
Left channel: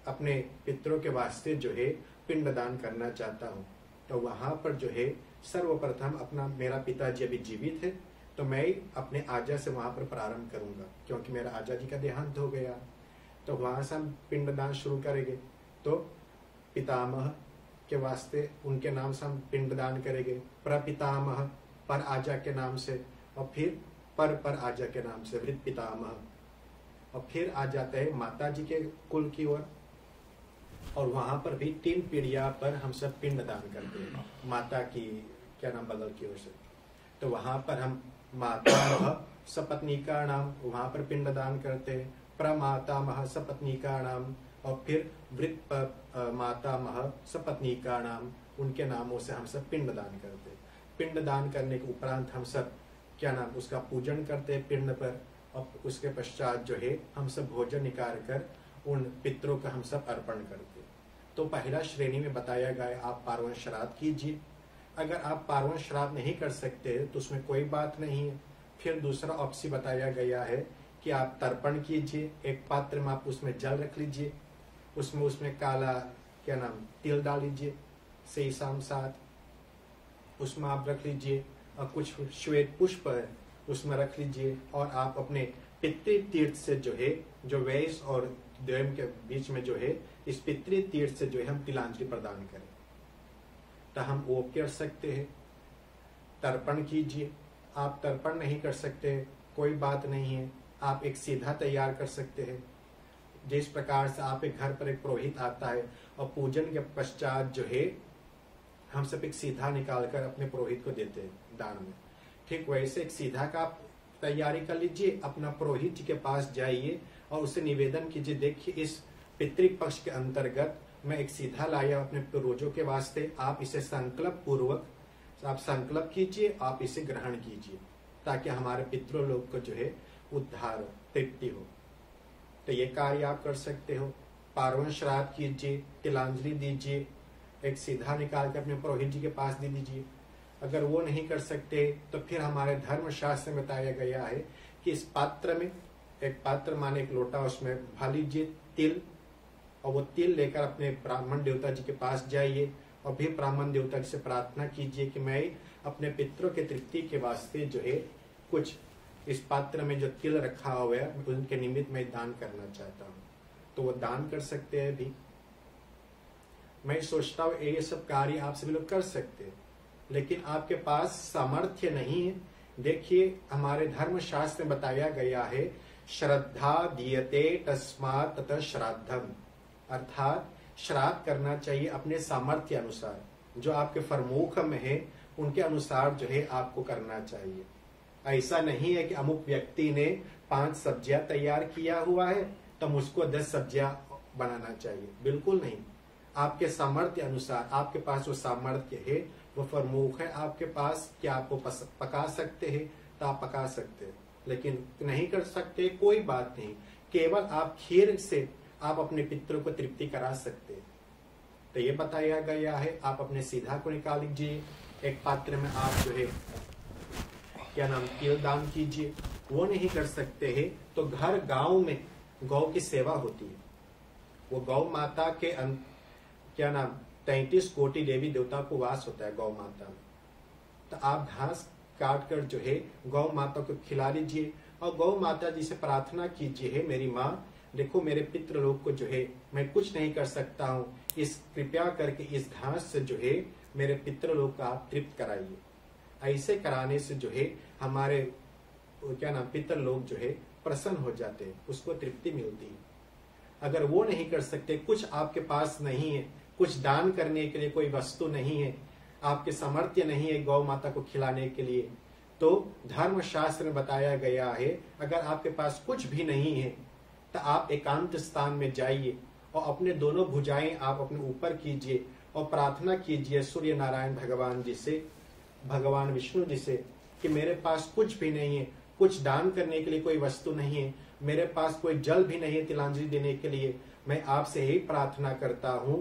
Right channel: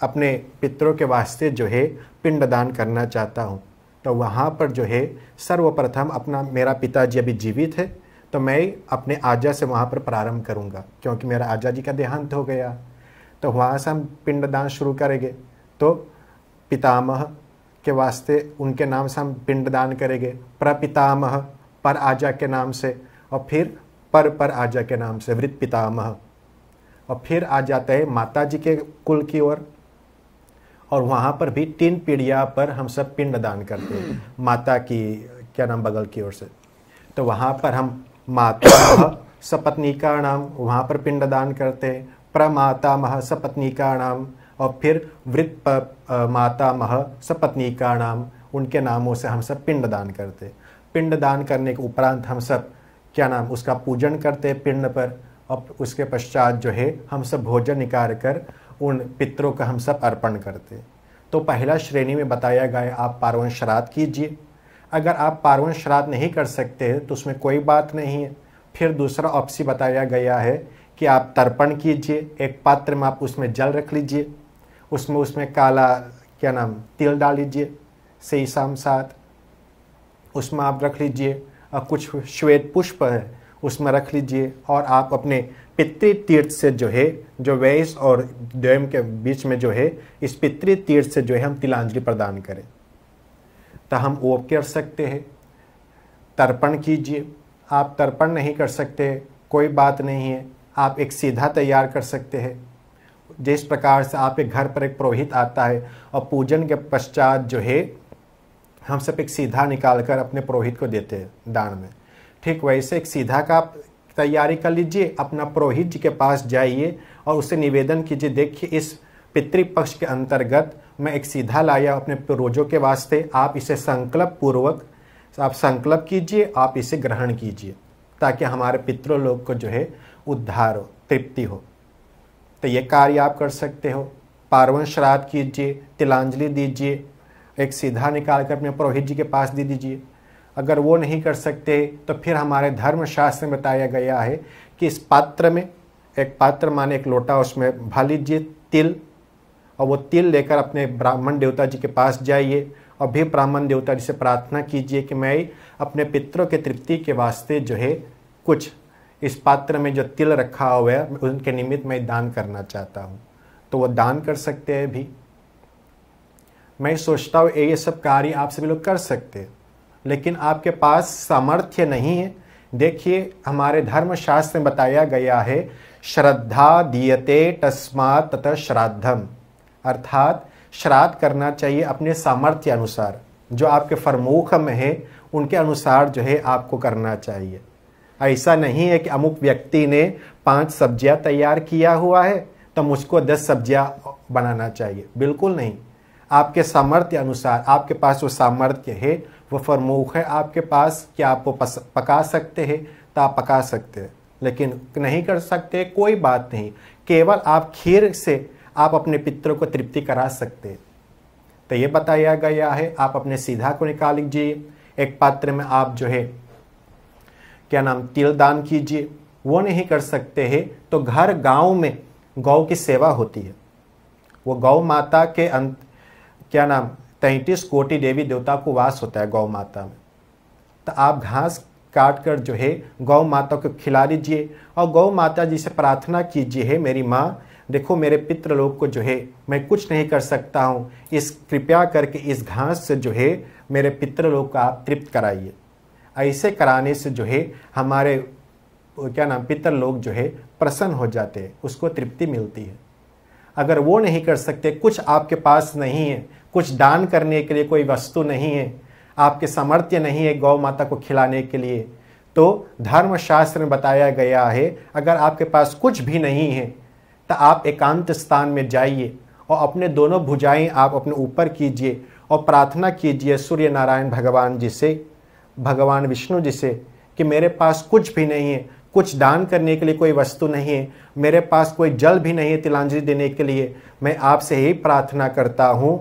अपने पितरों के वास्ते जो है पिंड दान करना चाहता हूँ, तो वहाँ पर जो है सर्वप्रथम अपना, मेरा पिताजी अभी जीवित है तो मैं अपने आजा से वहाँ पर प्रारंभ करूँगा, क्योंकि मेरा आजा जी का देहांत हो गया। तो वहाँ से हम पिंडदान शुरू करेंगे। तो पितामह के वास्ते उनके नाम से हम पिंडदान करेंगे, प्रपितामह पर आजा के नाम से, और फिर पर आजा के नाम से वृत पितामह, और फिर आ जाता है माता जी के कुल की ओर, और वहाँ पर भी 3 पीढ़िया पर हम सब पिंडदान करते हैं माता की बगल की ओर से। तो वहाँ पर हम माता सपत्निका नाम वहाँ पर पिंडदान करते हैं, प्रमातामह सपत्निका नाम, और फिर वृत मातामह सपत्निका नाम, उनके नामों से हम सब पिंडदान करते हैं। पिंडदान करने के उपरांत हम सब उसका पूजन करते हैं पिंड पर, और उसके पश्चात जो है हम सब भोजन निकाल कर उन पितरों का हम सब अर्पण करते हैं। तो पहला श्रेणी में बताया गया आप पार्वन श्राद्ध कीजिए। अगर आप पार्वन श्राद्ध नहीं कर सकते तो उसमें कोई बात नहीं है। फिर दूसरा ऑप्शन बताया गया है कि आप तर्पण कीजिए। एक पात्र में आप उसमें जल रख लीजिए, उसमें काला तिल डाल लीजिए, सही शाम साथ उसमें आप रख लीजिए, और कुछ श्वेत पुष्प है उसमें रख लीजिए, और आप अपने पितृ तीर्थ से जो है, जो वैश और द्वैम के बीच में जो है, इस पितृ तीर्थ से जो है हम तिलांजलि प्रदान करें। तो हम वो कर सकते हैं, तर्पण कीजिए। आप तर्पण नहीं कर सकते कोई बात नहीं है, आप एक सीधा तैयार कर सकते हैं। जिस प्रकार से आप एक घर पर एक पुरोहित आता है और पूजन के पश्चात जो है हम सब एक सीधा निकाल कर अपने पुरोहित को देते हैं दान में, ठीक वैसे एक सीधा का आप तैयारी कर लीजिए। अपना पुरोहित जी के पास जाइए और उससे निवेदन कीजिए, देखिए इस पितृपक्ष के अंतर्गत मैं एक सीधा लाया अपने पूर्वजों के वास्ते, आप इसे संकल्प पूर्वक आप संकल्प कीजिए, आप इसे ग्रहण कीजिए, ताकि हमारे पितरों लोग को जो है उद्धार हो, तृप्ति हो। तो ये कार्य आप कर सकते हो। पार्वन श्राद्ध कीजिए, तिलांजलि दीजिए, एक सीधा निकाल कर अपने पुरोहित जी के पास दे दीजिए। अगर वो नहीं कर सकते तो फिर हमारे धर्मशास्त्र में बताया गया है कि इस पात्र में, एक पात्र माने एक लोटा, उसमें भर लीजिए तिल, और वो तिल लेकर अपने ब्राह्मण देवता जी के पास जाइए और भी ब्राह्मण देवता जी से प्रार्थना कीजिए कि मैं अपने पितरों के तृप्ति के वास्ते जो है कुछ इस पात्र में जो तिल रखा हुआ है उनके निमित्त मैं दान करना चाहता हूँ। तो वो दान कर सकते हैं भी। मैं सोचता हूँ ये सब कार्य आप सभी लोग कर सकते हैं, लेकिन आपके पास सामर्थ्य नहीं है। देखिए हमारे धर्मशास्त्र में बताया गया है, श्रद्धा दीयते तस्मात् ततः श्राद्धम, अर्थात श्राद्ध करना चाहिए अपने सामर्थ्य अनुसार, जो आपके फरमूख में है उनके अनुसार जो है आपको करना चाहिए। ऐसा नहीं है कि अमुक व्यक्ति ने 5 सब्जियां तैयार किया हुआ है तो मुझको 10 सब्जियां बनाना चाहिए, बिल्कुल नहीं। आपके सामर्थ्य अनुसार, आपके पास जो सामर्थ्य है वो फरमूख है आपके पास कि आपको पका सकते हैं तो आप पका सकते हैं, लेकिन नहीं कर सकते कोई बात नहीं। केवल आप खीर से आप अपने पितरों को तृप्ति करा सकते हैं, तो ये बताया गया है आप अपने सीधा को निकाल लीजिए, एक पात्र में आप जो है क्या नाम तिल दान कीजिए। वो नहीं कर सकते हैं तो घर गांव में गौ की सेवा होती है, वो गौ माता के क्या नाम 33 कोटि देवी देवता को वास होता है गौ माता में। तो आप घास काट कर जो है गौ माता को खिला दीजिए और गौ माता जी से प्रार्थना कीजिए, है मेरी माँ देखो मेरे पितृलोक को जो है मैं कुछ नहीं कर सकता हूँ, इस कृपया करके इस घास से जो है मेरे पितृलोक को आप तृप्त कराइए। ऐसे कराने से जो है हमारे क्या नाम पितृलोक जो है प्रसन्न हो जाते हैं, उसको तृप्ति मिलती है। अगर वो नहीं कर सकते, कुछ आपके पास नहीं है, कुछ दान करने के लिए कोई वस्तु नहीं है, आपके सामर्थ्य नहीं है गौ माता को खिलाने के लिए, तो धर्मशास्त्र में बताया गया है अगर आपके पास कुछ भी नहीं है तो आप एकांत स्थान में जाइए और अपने दोनों भुजाएं आप अपने ऊपर कीजिए और प्रार्थना कीजिए सूर्य नारायण भगवान जी से, भगवान विष्णु जी से कि मेरे पास कुछ भी नहीं है, कुछ दान करने के लिए कोई वस्तु नहीं है, मेरे पास कोई जल भी नहीं है तिलांजलि देने के लिए, मैं आपसे यही प्रार्थना करता हूँ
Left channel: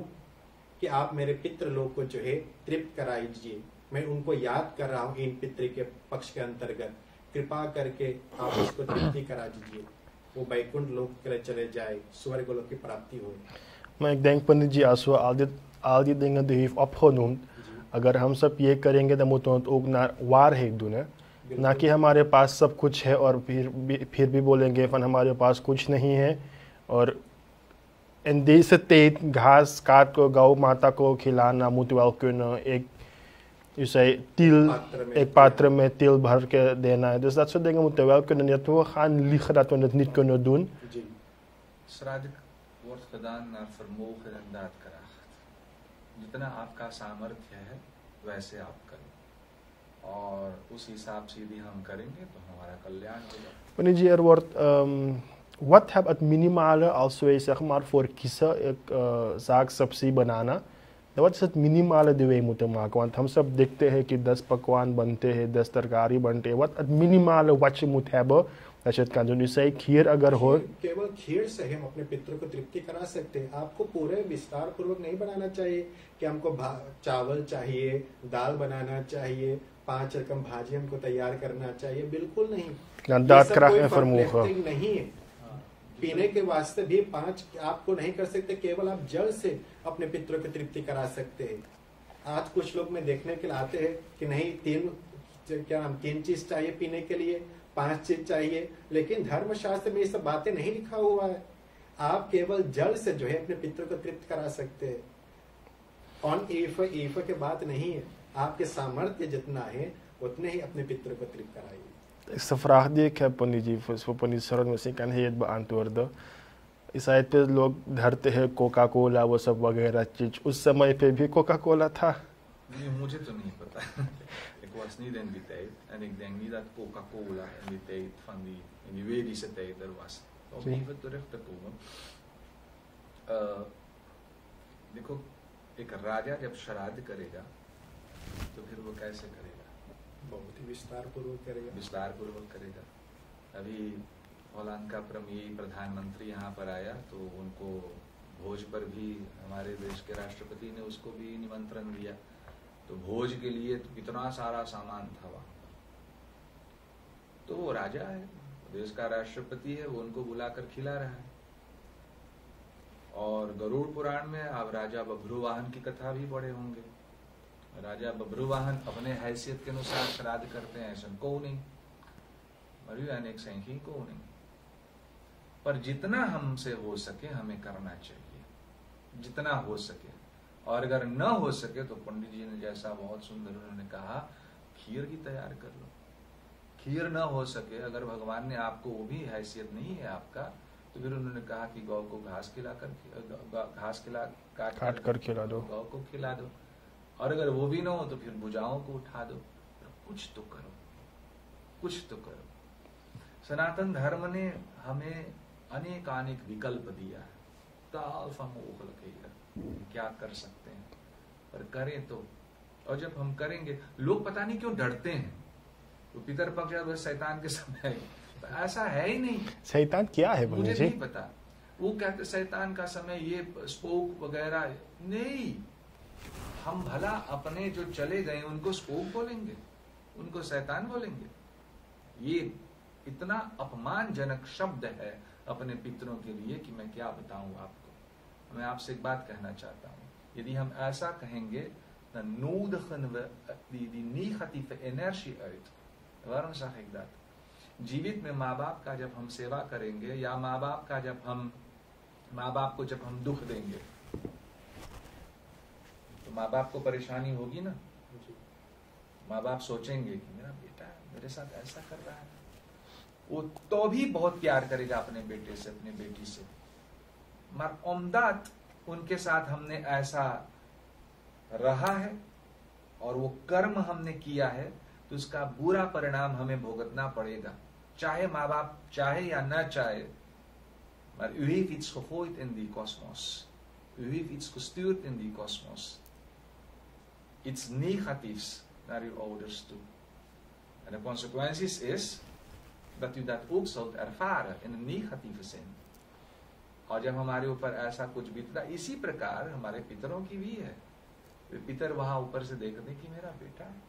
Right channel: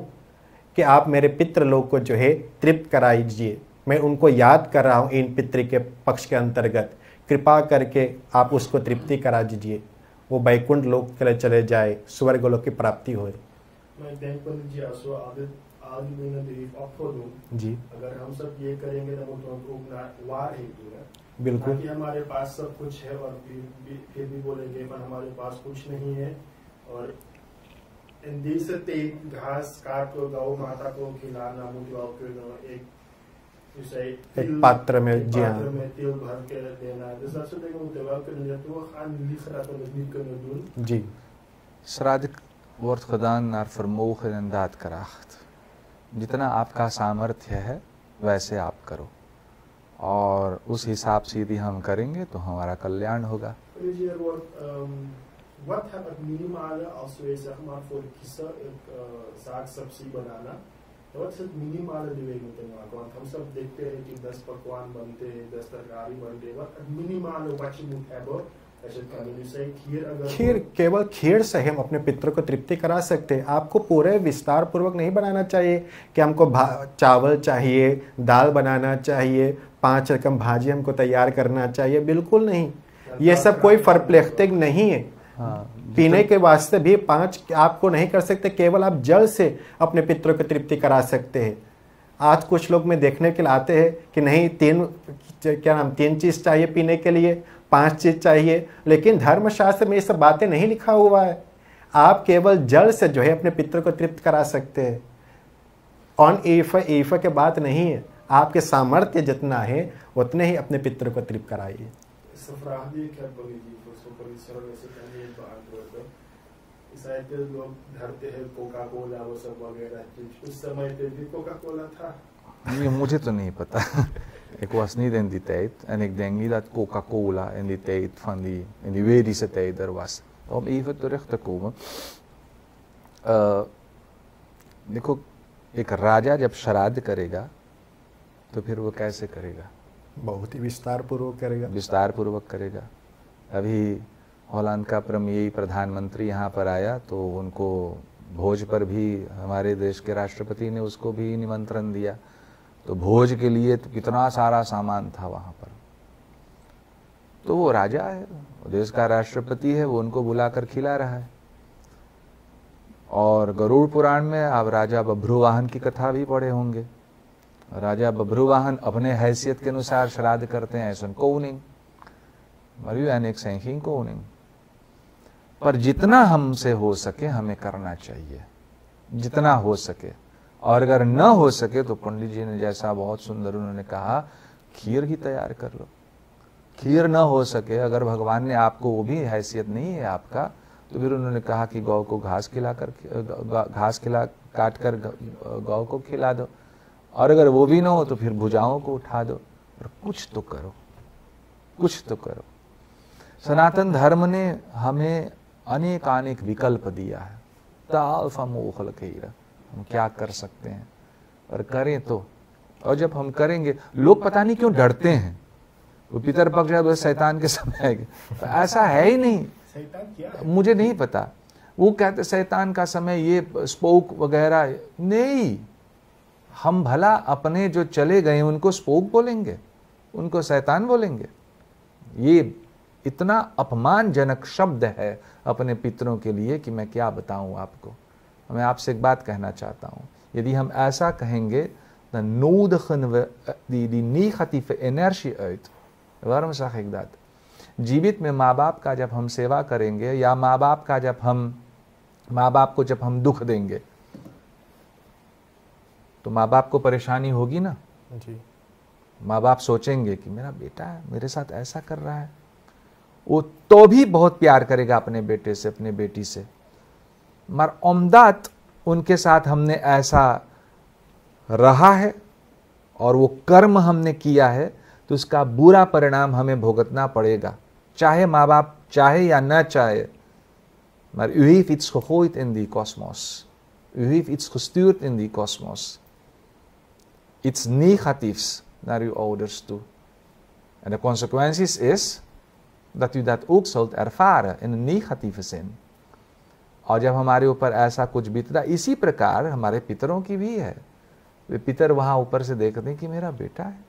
कि आप मेरे पितृलोक को जो है तृप्त कराइए। मैं उनको याद कर रहा हूँ इन पितृ के पक्ष के अंतर्गत, कृपा करके आप उसको तृप्ति करा दीजिए, वो बैकुंठ लोक के लिए चले जाए, स्वर्ग लोक की प्राप्ति हो। Maar ik denk Pandit ji als we al die dingen die u heeft opgenoemd, अगर हम सब ये करेंगे तो moeten we het ook naar waarheid doen, है ना कि हमारे पास सब कुछ है और फिर भी बोलेंगे van हमारे पास कुछ नहीं है। और in deze tijd घास काट को गौ माता को खिलाना moet wel kunnen। U zei tiel, एक पात्र में तिल भर के देना है, dus dat soort dingen moeten wel kunnen, niet we gaan liegen dat we het niet kunnen doen। जी, श्राद्ध wordt gedaan naar vermogen en daadkracht। जितना आपका सामर्थ्य है वैसे आप करो और उस हिसाब से यदि हम करेंगे तो हमारा कल्याण होगा। Meneer जी, wordt wat heb het minimale als wij zeg maar voor kiezen zaak सब्जी बनाना, तो wat is het minimale die wij moeten maken? Want हम सब देखते हैं कि 10 पकवान बनते हैं, 10 तरकारी बनते हैं। wat het minimale wat je moet hebben dat je het kan doen? U zei खीर अगर हो, केवल खीर से हम अपने पितरों को तृप्ति करा सकते हैं। आपको पूरे विस्तार पूर्वक नहीं बनाना चाहिए कि हमको चावल चाहिए, दाल बनाना चाहिए, 5 रकम भाजी हमको तैयार करना चाहिए, बिल्कुल नहीं। ये सब कोई परप्लेक्टिक नहीं है। पीने के वास्ते भी 5 आपको नहीं कर सकते, केवल आप जल से अपने पितरों की तृप्ति करा सकते हैं। आज कुछ लोग में देखने के लिए आते हैं कि नहीं 3 चीज चाहिए पीने के लिए, 5 चीज चाहिए, लेकिन धर्मशास्त्र में ये सब बातें नहीं लिखा हुआ है। आप केवल जल से जो है अपने पितरों को तृप्त करा सकते हैं। ऑन ईफ के बात नहीं है, आपके सामर्थ्य जितना है उतने ही अपने पितरों को तृप्त कराइए। is de vraag die ik heb, Pandit ji, voor पंडित शरण, उसे kan hij het beantwoorden। इस साइड पे लोग धरते हैं कोका कोला वो सब वगैरह चीज, उस समय पे भी कोका कोला था? Nee, मुझे तो नहीं पता। Ik was niet in die tijd en ik denk niet dat Coca-Cola in die tijd van in die Vedische tijd er was। Om even terug te komen, देखो एक राजा जब श्राद्ध करेगा तो फिर वो कैसे करेगा? बहुत ही विस्तार पूर्वक करेगा। विस्तार पूर्वक करेगा। अभी हॉलैंड का प्रीमियर प्रधानमंत्री यहाँ पर आया तो उनको भोज पर भी हमारे देश के राष्ट्रपति ने उसको भी निमंत्रण दिया, तो भोज के लिए तो कितना सारा सामान था वहाँ पर। तो वो राजा है, वो देश का राष्ट्रपति है, वो उनको बुलाकर खिला रहा है। और गरुड़ पुराण में आप राजा बभ्रुवाहन की कथा भी पढ़े होंगे। राजा बभ्रुवाहन अपने हैसियत के अनुसार श्राद्ध करते हैं, ऐसा कोनिंग मरियो अनेक सैंकिंग कोनिंग, पर जितना हमसे हो सके हमें करना चाहिए, जितना हो सके। और अगर न हो सके तो पंडित जी ने जैसा बहुत सुंदर उन्होंने कहा, खीर ही तैयार कर लो। खीर न हो सके, अगर भगवान ने आपको वो भी हैसियत नहीं है आपका, तो फिर उन्होंने कहा कि गौ को घास काट कर गौ को खिला दो। और अगर वो भी ना हो तो फिर भुजाओं को उठा दो, पर कुछ तो करो, कुछ तो करो। सनातन धर्म ने हमें अनेक विकल्प दिया है। क्या कर सकते हैं, और करें तो। और जब हम करेंगे, लोग पता नहीं क्यों डरते हैं, वो पितरपक्ष है शैतान के समय है, तो ऐसा है ही नहीं। शैतान क्या है मुझे नहीं पता। वो कहते शैतान का समय, ये स्पोक वगैरह नहीं। हम भला अपने जो चले गए उनको स्पोक बोलेंगे, उनको शैतान बोलेंगे? ये इतना अपमानजनक शब्द है अपने पितरों के लिए कि मैं क्या बताऊं आपको। मैं आपसे एक बात कहना चाहता हूं, यदि हम ऐसा कहेंगे, dan nodigen we die negatieve energie uit. Waarom zeg ik dat? जीवित में माँ बाप का जब हम सेवा करेंगे, या माँ बाप को जब हम दुख देंगे, तो माँ बाप को परेशानी होगी ना जी। माँ बाप सोचेंगे कि मेरा बेटा मेरे साथ ऐसा कर रहा है। वो तो भी बहुत प्यार करेगा अपने बेटे से, अपने बेटी से, मगर ओमदात उनके साथ हमने ऐसा रहा है और वो कर्म हमने किया है, तो उसका बुरा परिणाम हमें भुगतना पड़ेगा, चाहे माँ बाप चाहे या न चाहे। Maar u heeft iets gegooid in die kosmos. U heeft iets gestuurd in die kosmos. Iets negatiefs naar uw ouders toe. En de consequenties is dat u dat ook zult ervaren in een negatieve zin. और जब हमारे ऊपर ऐसा कुछ बीतता, इसी प्रकार हमारे पितरों की भी है। वे पितर वहां ऊपर से देखते हैं कि मेरा बेटा है,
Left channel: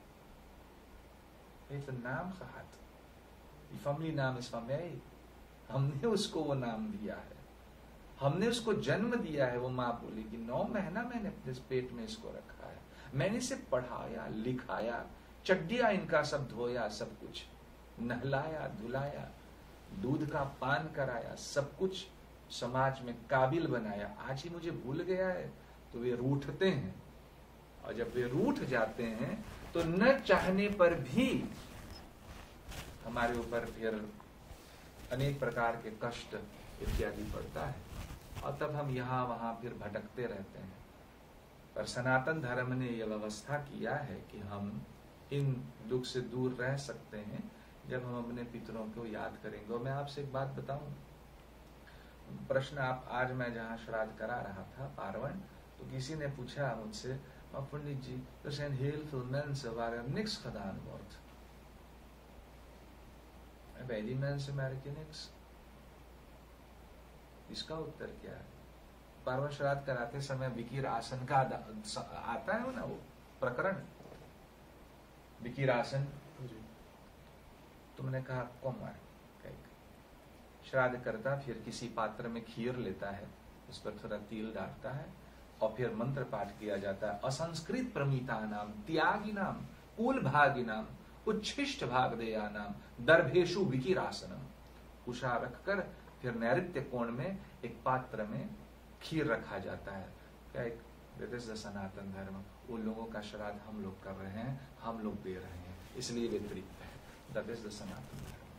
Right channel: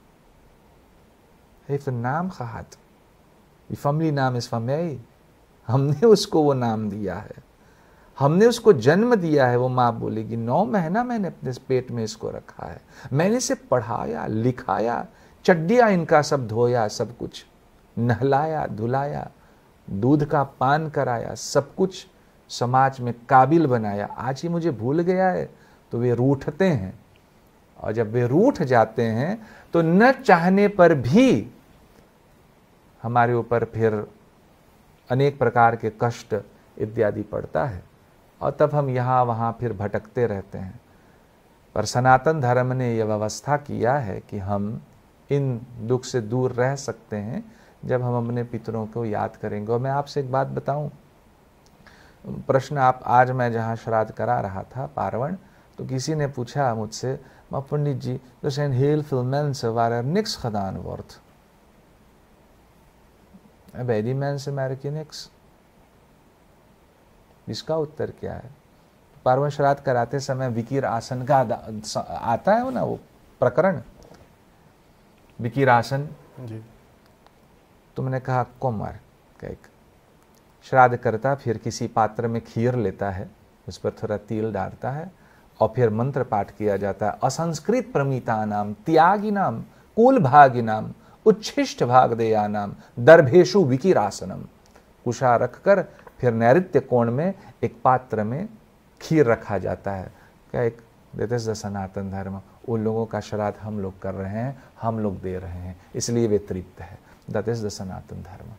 heeft een naam gehad. Die familienaam is van mij. हमने उसको वो नाम दिया है, हमने उसको जन्म दिया है। वो माँ बोलेगी 9 महीना मैंने अपने पेट में इसको रखा है, मैंने इसे पढ़ाया लिखाया, चड्डियाँ इनका सब धोया, सब कुछ नहलाया धुलाया, दूध का पान कराया, सब कुछ समाज में काबिल बनाया। आज ही मुझे भूल गया है। तो वे रूठते हैं, और जब वे रूठ जाते हैं तो न चाहने पर भी हमारे ऊपर फिर अनेक प्रकार के कष्ट इत्यादि पड़ता है, और तब हम यहाँ वहाँ फिर भटकते रहते हैं। पर सनातन धर्म ने यह व्यवस्था किया है कि हम इन दुख से दूर रह सकते हैं जब हम अपने पितरों को याद करेंगे। और मैं आपसे एक बात बताऊं, प्रश्न आप आज मैं जहाँ श्राद्ध करा रहा था पार्वण, तो किसी ने पूछा मुझसे, maar पंडित जी, er zijn heel veel mensen waar er niks gedaan wordt. En bij die mensen merk je niks. इसका उत्तर क्या है? पार्वण श्राद्ध कराते समय विकीर आसन का आता है ना वो प्रकरण, विकीर आसन जी। तुमने कहा कुमार कैक श्राद्ध करता, फिर किसी पात्र में खीर लेता है, उस पर थोड़ा तिल डालता है, और फिर मंत्र पाठ किया जाता है। असंस्कृत प्रमिता नाम त्यागी नाम कुल भागी नाम उच्छिष्ट भाग देया नाम दर्भेशु विकीरासनम। कुशा रखकर फिर नैऋत्य कोण में एक पात्र में खीर रखा जाता है। क्या एक दैट इज द सनातन धर्म। उन लोगों का श्राद्ध हम लोग कर रहे हैं, हम लोग दे रहे हैं, इसलिए वे तृप्त है। दैट इज द सनातन धर्म।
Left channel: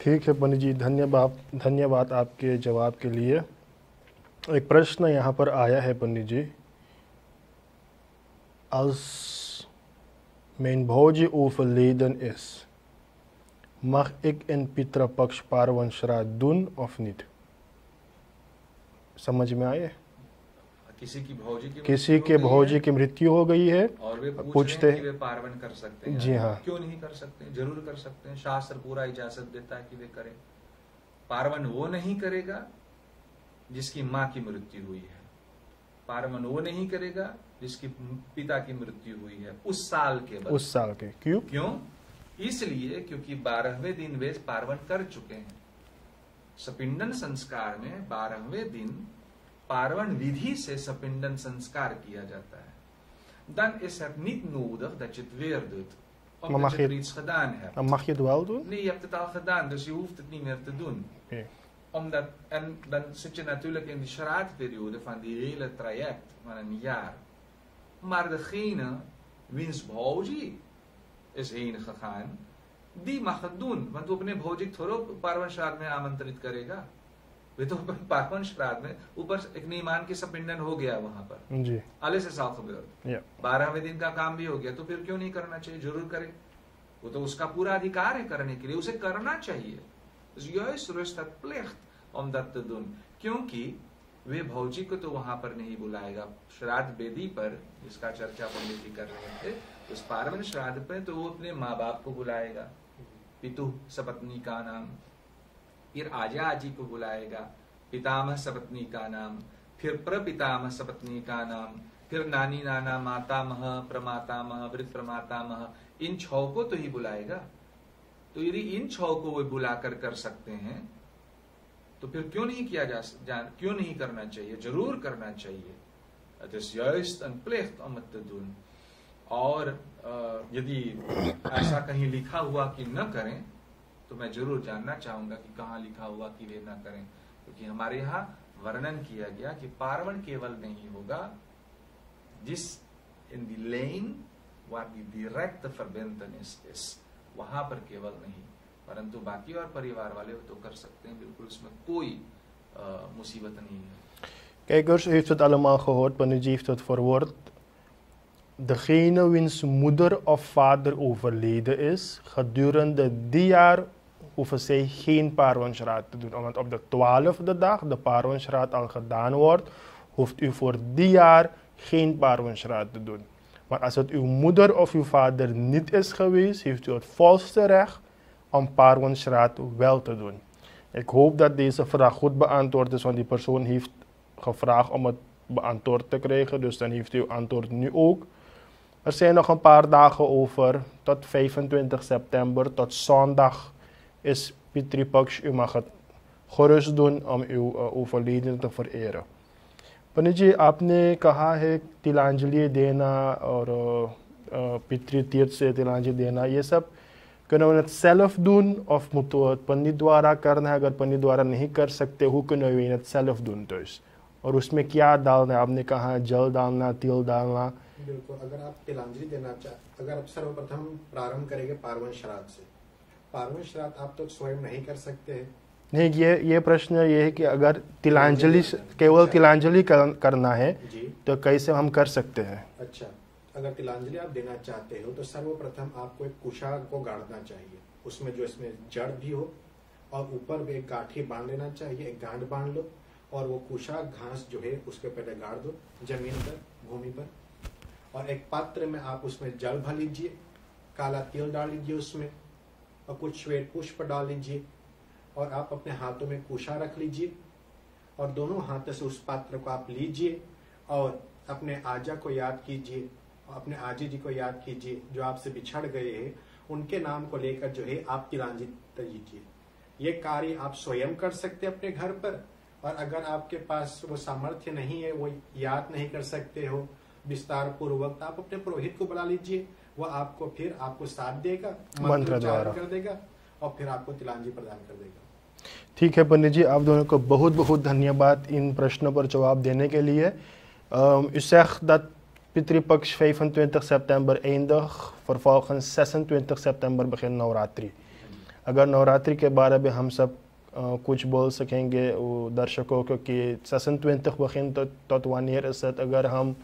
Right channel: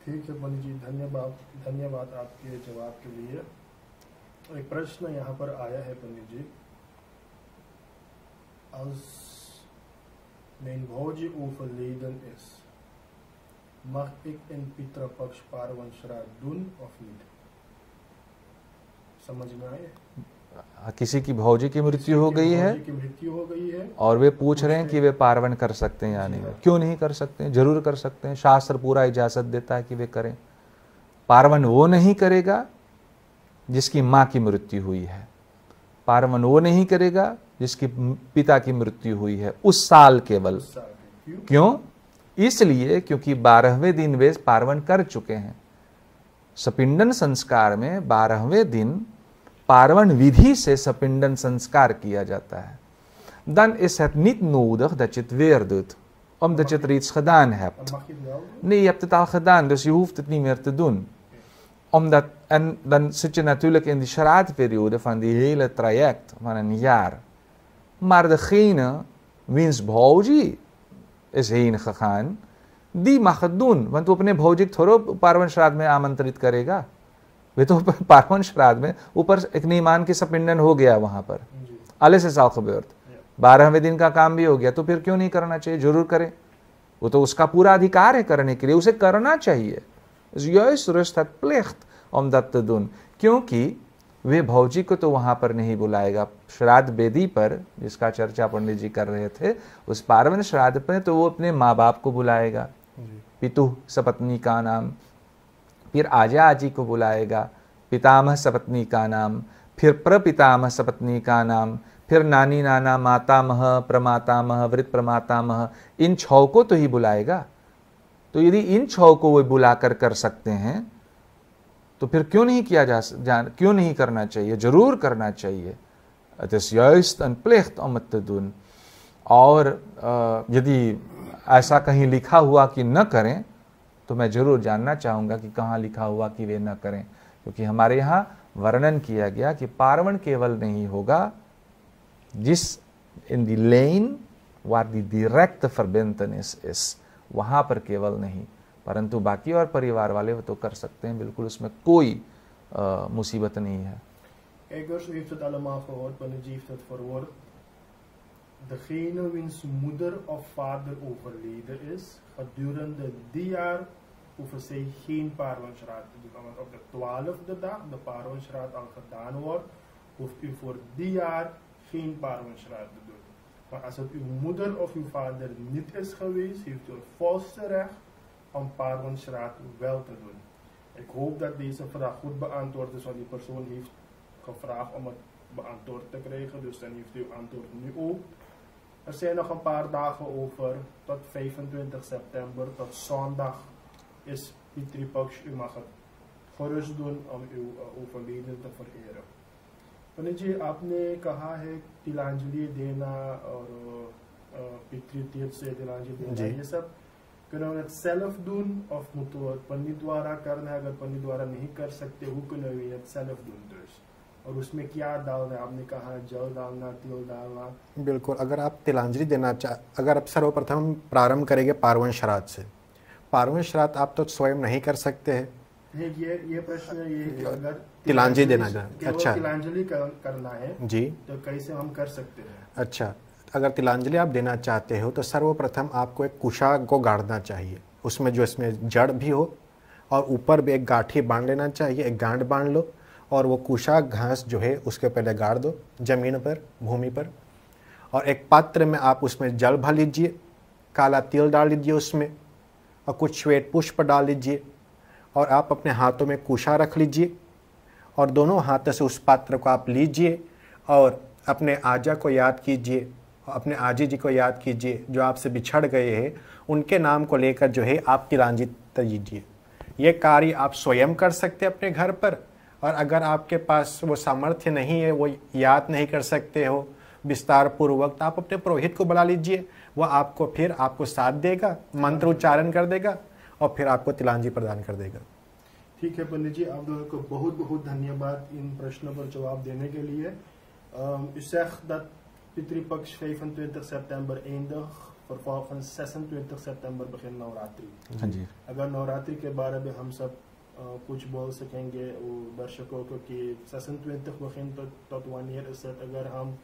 ठीक है पंडित जी, धन्यवाद आपके जवाब के लिए। एक प्रश्न यहाँ पर आया है पंडित जी, als mijn भौजी overleden is, mag ik in Pitrupaksha पार्वन श्राद्ध doen of niet? समझ में आए? किसी की भौजी की किसी मृत्यु हो के गई भौजी है की मृत्यु हो गई है और वे पूछ रहे हैं पूछते- कि वे पार्वन कर सकते हैं या जी नहीं। हाँ। क्यों नहीं कर सकते हैं? जरूर कर सकते हैं। शास्त्र पूरा इजाजत देता है कि वे करें। पार्वन वो नहीं करेगा जिसकी माँ की मृत्यु हुई है, पार्वन वो नहीं करेगा जिसकी पिता की मृत्यु हुई है उस साल केवल। उस साल के। क्यों? क्यों? इसलिए क्योंकि 12वें दिन वे पार्वन कर चुके हैं। सपिंडन संस्कार में 12वें दिन पार्वन विधि से सपिंडन संस्कार किया जाता है। Dan is het niet nodig dat je het weer doet, omdat je er iets gedaan hebt. Dan mag je het wel doen? Nee, je hebt het al gedaan, dus je hoeft het niet meer te doen. Oké. Omdat, en dan zit je natuurlijk in die shraadperiode van die hele traject van een jaar. Maar degene wiens भौजी is heen gegaan, die mag het doen. Want वो अपने भौजी को थोड़ा पार्वन श्राद्ध में आमंत्रित करेगा। वे तो पार्वन श्राद्ध में ऊपर एक नीमान की सपिंडन हो गया वहां पर, जी। alles is al gebeurd। Ja। 12वें दिन का काम भी हो गया, तो फिर क्यों नहीं करना चाहिए? जरूर करे। वो तो उसका पूरा अधिकार है करने के लिए, उसे करना चाहिए। Dus juist rust het plicht om dat te doen, क्योंकि वे भौजी को तो वहां पर नहीं बुलाएगा। श्राद्ध वेदी पर जिसका चर्चा पंडित जी कर रहे थे, उस पार्वन श्राद्ध पर तो वो अपने माँ बाप को बुलाएगा, पितु सपत्नी का नाम, फिर आजा आजी को बुलाएगा, पितामह सपत्नी का नाम, फिर प्रपितामह सपत्नी का नाम, फिर नानी नाना मातामह प्रमातामह वृत प्रमातामह, इन 6 को तो ही बुलाएगा। तो यदि इन 6 को वो बुलाकर कर सकते हैं तो फिर क्यों नहीं क्यों नहीं करना चाहिए? जरूर करना चाहिए। Het is juist een plicht om het te doen। और यदि ऐसा कहीं लिखा हुआ कि न करें तो मैं जरूर जानना चाहूँगा कि कहाँ लिखा हुआ कि वे न करें, क्योंकि हमारे यहाँ वर्णन किया गया कि पार्वण केवल नहीं होगा जिस इन दी लेन waar die directe verbintenis is, वहाँ पर केवल नहीं, परंतु बाकी और परिवार वाले वो तो कर सकते हैं, बिल्कुल उसमें कोई मुसीबत नहीं है। Kijkers, u heeft het allemaal gehoord, Panuji heeft het verwoord. Degene wiens moeder of vader overleden is, gedurende die jaar hoeven zij geen paarwensraad te doen. Want op de 12e dag de paarwensraad al gedaan wordt, hoeft u voor die jaar geen paarwensraad te doen. Maar als het uw moeder of uw vader niet is geweest, heeft u het volste recht om paarwensraad wel te doen. Ik hoop dat deze vraag goed beantwoord is, want die persoon heeft gevraagd om het beantwoord te krijgen, dus dan heeft u uw antwoord nu ook. Er zijn nog een paar dagen over, tot 25 september, tot zondag is Pitri Paksh. U mag het gerust doen om uw overledene te vereren. Panuji, आपने कहा है तिलांजलि देना और पितृ तीर्थ से तिलांजलि देना, ये सब kunnen we het zelf doen of moeten we het पंडित द्वारा करना है? अगर पंडित द्वारा नहीं कर सकते, hoe kunnen we het zelf doen thuis? और उसमें क्या डालना है? आपने कहा जल डालना, तिल डालना। बिल्कुल, अगर आप तिलांजलि देना अगर आप सर्वप्रथम प्रारंभ करेंगे पार्वन श्राद्ध से। पार्वन श्राद्ध आप तो स्वयं नहीं कर सकते हैं। नहीं, ये प्रश्न ये है कि अगर तिलांजलि केवल तिलांजलि करना है जी, तो कैसे हम कर सकते हैं? अच्छा, अगर तिलांजलि आप देना चाहते हो तो सर्वप्रथम आपको एक कुशा को गाड़ना चाहिए, उसमें जो इसमें जड़ भी हो, और ऊपर भी एक गांठी बांध लेना चाहिए, एक गांठ बांध लो, और वो कुशा घास जो है उसके पहले गाड़ दो जमीन पर, भूमि पर, और एक पात्र में आप उसमें जल भर लीजिए, काला तिल डाल लीजिए उसमें, और कुछ श्वेत पुष्प डाल लीजिए, और आप अपने हाथों में कुशा रख लीजिए, और दोनों हाथों से उस पात्र को आप लीजिए और अपने आजा को याद कीजिए, अपने आजी जी को याद कीजिए जो आपसे बिछड़ गए हैं, उनके नाम को लेकर जो है आप तिलांजलि दीजिए। ये कार्य आप स्वयं कर सकते हैं अपने घर पर, और अगर आपके पास वो सामर्थ्य नहीं है, वो याद नहीं कर सकते हो विस्तार पूर्वक, तो आप अपने पुरोहित को बुला लीजिए, वो आपको साथ देगा, मंत्र उच्चारण कर देगा और फिर आपको तिलांजलि प्रदान कर देगा। ठीक है पंडित जी, आप दोनों को बहुत बहुत धन्यवाद इन प्रश्नों पर जवाब देने के लिए। U zegt dat Pitri Paksh 25 september eindigt, vervolgens 26 september begint Navratri। अगर नवरात्रि के बारे में हम सब कुछ बोल सकेंगे दर्शकों को कि 26 begint tot wanneer is het? अगर हम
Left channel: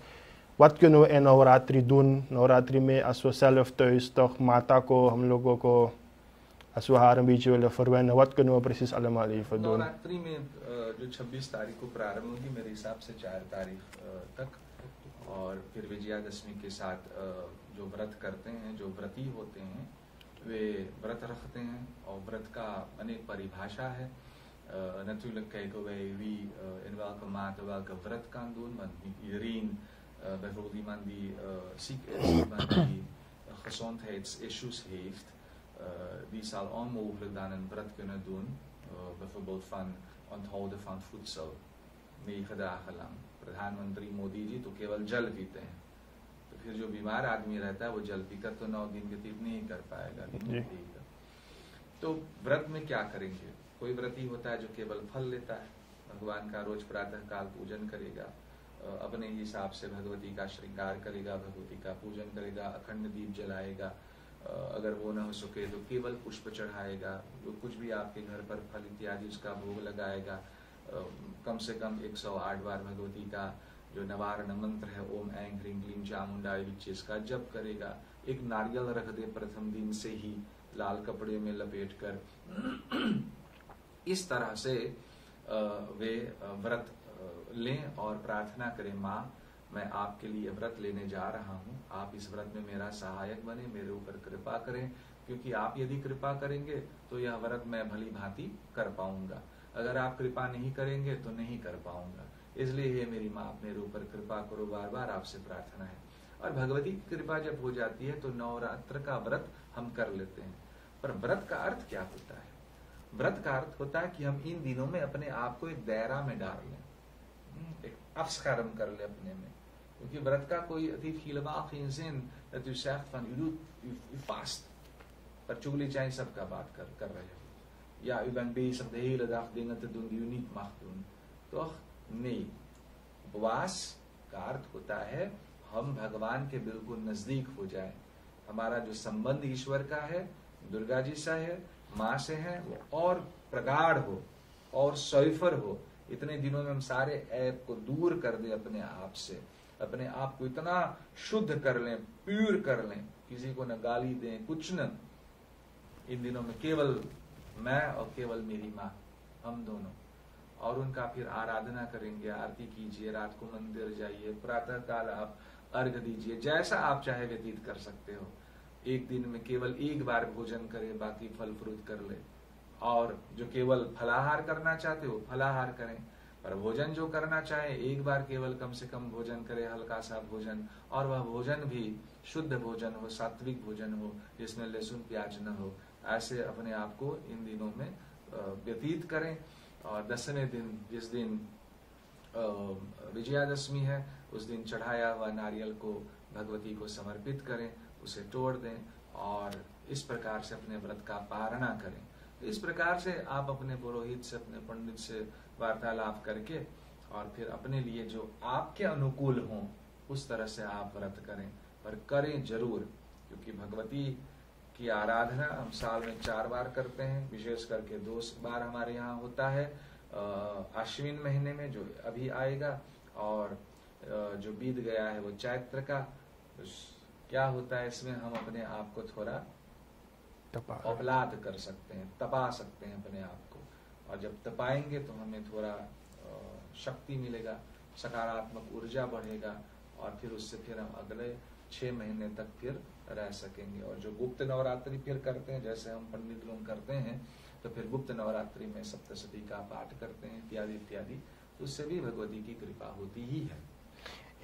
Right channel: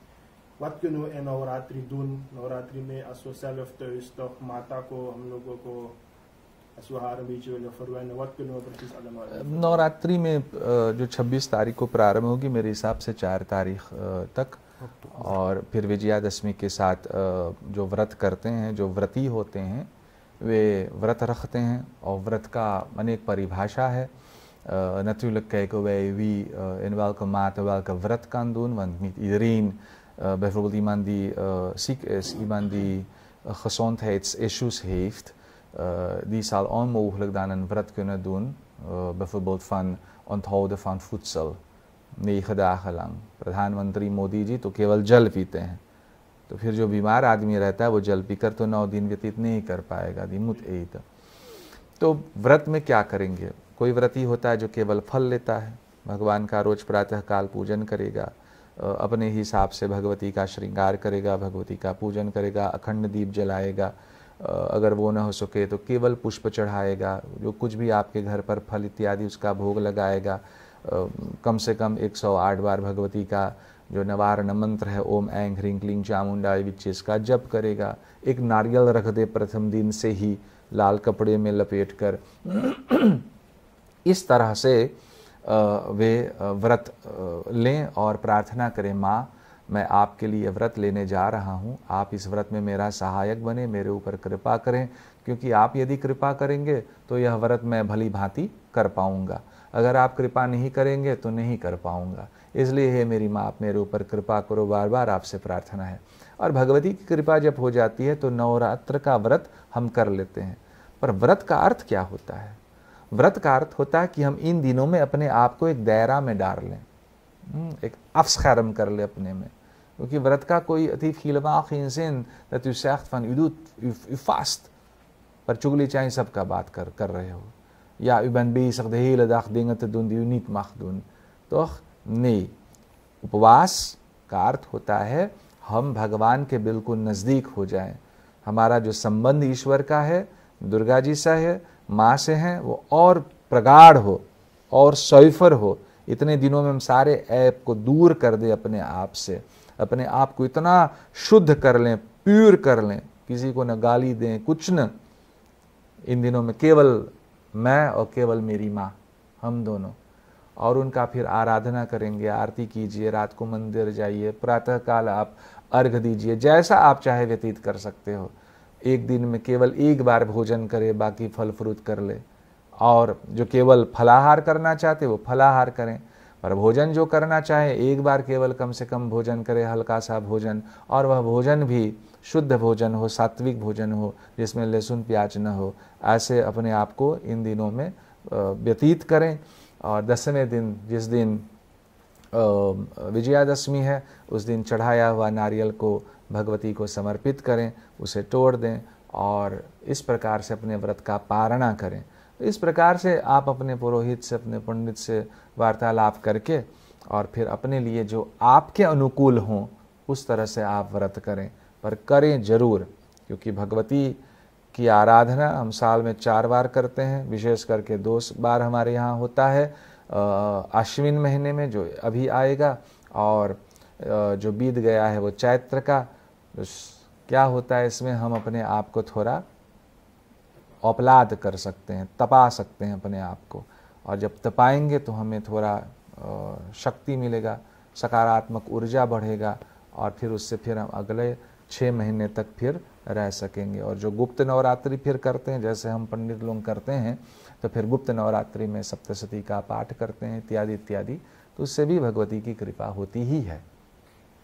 wat kunnen we in Navratri doen? Navratri में als we zelf thuis toch माता को, हम लोगों को, als we haar een beetje willen verwennen, wat kunnen we precies allemaal even doen? Navratri में जो 26 तारीख को प्रारंभ होगी मेरे हिसाब से 4 तारीख तक, और फिर विजयादशमी के साथ जो व्रत करते हैं, जो व्रती होते हैं, वे व्रत रखते हैं, और व्रत का अनेक परिभाषा है। Natuurlijk kijken wij wie in welke mate welke व्रत kan doen, want niet iedereen, bijvoorbeeld iemand die ziek is, iemand die gezondheidsissues heeft, die zal onmogelijk dan een व्रत kunnen doen, bijvoorbeeld van onthouden van voedsel 9 dagen lang। प्रधानमंत्री मोदी जी तो केवल जल पीते हैं, तो फिर जो बीमार आदमी रहता है वो जल पीकर तो 9 दिन व्यतीत नहीं कर पाएगा। तो व्रत में क्या करेंगे? कोई व्रती होता है जो केवल फल लेता है, भगवान का रोज प्रातः काल पूजन करेगा, अपने हिसाब से भगवती का श्रृंगार करेगा, भगवती का पूजन करेगा, अखंड दीप जलाएगा, अगर वो न हो सके तो केवल पुष्प चढ़ाएगा, जो कुछ भी आपके घर पर फल इत्यादि उसका भोग लगाएगा, कम से कम 108 बार भगवती का जो नवारण मंत्र है ओम ऐं ह्रीं क्लीं चामुंडाय विच्चे, इसका जप करेगा, एक नारियल रख दे प्रथम दिन से ही लाल कपड़े में लपेट कर। इस तरह से वे व्रत लें और प्रार्थना करें, माँ मैं आपके लिए व्रत लेने जा रहा हूँ, आप इस व्रत में मेरा सहायक बने, मेरे ऊपर कृपा करें, क्योंकि आप यदि कृपा करेंगे तो यह व्रत मैं भली भांति कर पाऊँगा। अगर आप कृपा नहीं करेंगे तो नहीं कर पाऊंगा, इसलिए हे मेरी माँ आप मेरे ऊपर कृपा करो, बार बार आपसे प्रार्थना है। और भगवती की कृपा जब हो जाती है तो नवरात्र का व्रत हम कर लेते हैं। पर व्रत का अर्थ क्या होता है? व्रत का अर्थ होता है कि हम इन दिनों में अपने आप को एक दायरा में डाल लें, एक afscherm कर ले अपने में, क्योंकि व्रत का कोई अति helemaal geen zin dat u zegt van u vast, पर चुगली चाहे सबका बात कर रहे हो, या u bent bezig de hele dag dingen te doen die u niet mag doen, toch? नहीं, उपवास का अर्थ होता है हम भगवान के बिल्कुल नज़दीक हो जाएं, हमारा जो संबंध ईश्वर का है, दुर्गा जी से है, माँ से है, वो और प्रगाढ़ हो और सौफर हो। इतने दिनों में हम सारे ऐप को दूर कर दें अपने आप से, अपने आप को इतना शुद्ध कर लें, प्योर कर लें, किसी को न गाली दें, कुछ न। इन दिनों में केवल मैं और केवल मेरी माँ, हम दोनों, और उनका फिर आराधना करेंगे, आरती कीजिए, रात को मंदिर जाइए, प्रातःकाल आप अर्घ दीजिए, जैसा आप चाहे व्यतीत कर सकते हो। एक दिन में केवल एक बार भोजन करें, बाकी फल फ्रूट कर ले, और जो केवल फलाहार करना चाहते वो फलाहार करें, पर भोजन जो करना चाहे एक बार केवल कम से कम भोजन करें, हल्का सा भोजन, और वह भोजन भी शुद्ध भोजन हो, सात्विक भोजन हो, जिसमें लहसुन प्याज न हो। ऐसे अपने आप को इन दिनों में व्यतीत करें। और 10वें दिन, जिस दिन विजयादशमी है, उस दिन चढ़ाया हुआ नारियल को भगवती को समर्पित करें, उसे तोड़ दें, और इस प्रकार से अपने व्रत का पारणा करें। इस प्रकार से आप अपने पुरोहित से, अपने पंडित से वार्तालाप करके, और फिर अपने लिए जो आपके अनुकूल हों उस तरह से आप व्रत करें, पर करें जरूर, क्योंकि भगवती की आराधना हम साल में 4 बार करते हैं, विशेष करके 2 बार हमारे यहाँ होता है आश्विन महीने में जो अभी आएगा, और जो बीत गया है वो चैत्र का। क्या होता है इसमें, हम अपने आप को थोड़ा औपलाद कर सकते हैं, तपा सकते हैं अपने आप को, और जब तपाएंगे तो हमें थोड़ा शक्ति मिलेगा, सकारात्मक ऊर्जा बढ़ेगा, और फिर उससे फिर हम अगले 6 महीने तक फिर रह सकेंगे। और जो गुप्त नवरात्रि फिर करते हैं, जैसे हम पंडित लोग करते हैं, तो फिर गुप्त नवरात्रि में सप्तशती का पाठ करते हैं इत्यादि इत्यादि, तो उससे भी भगवती की कृपा होती ही है।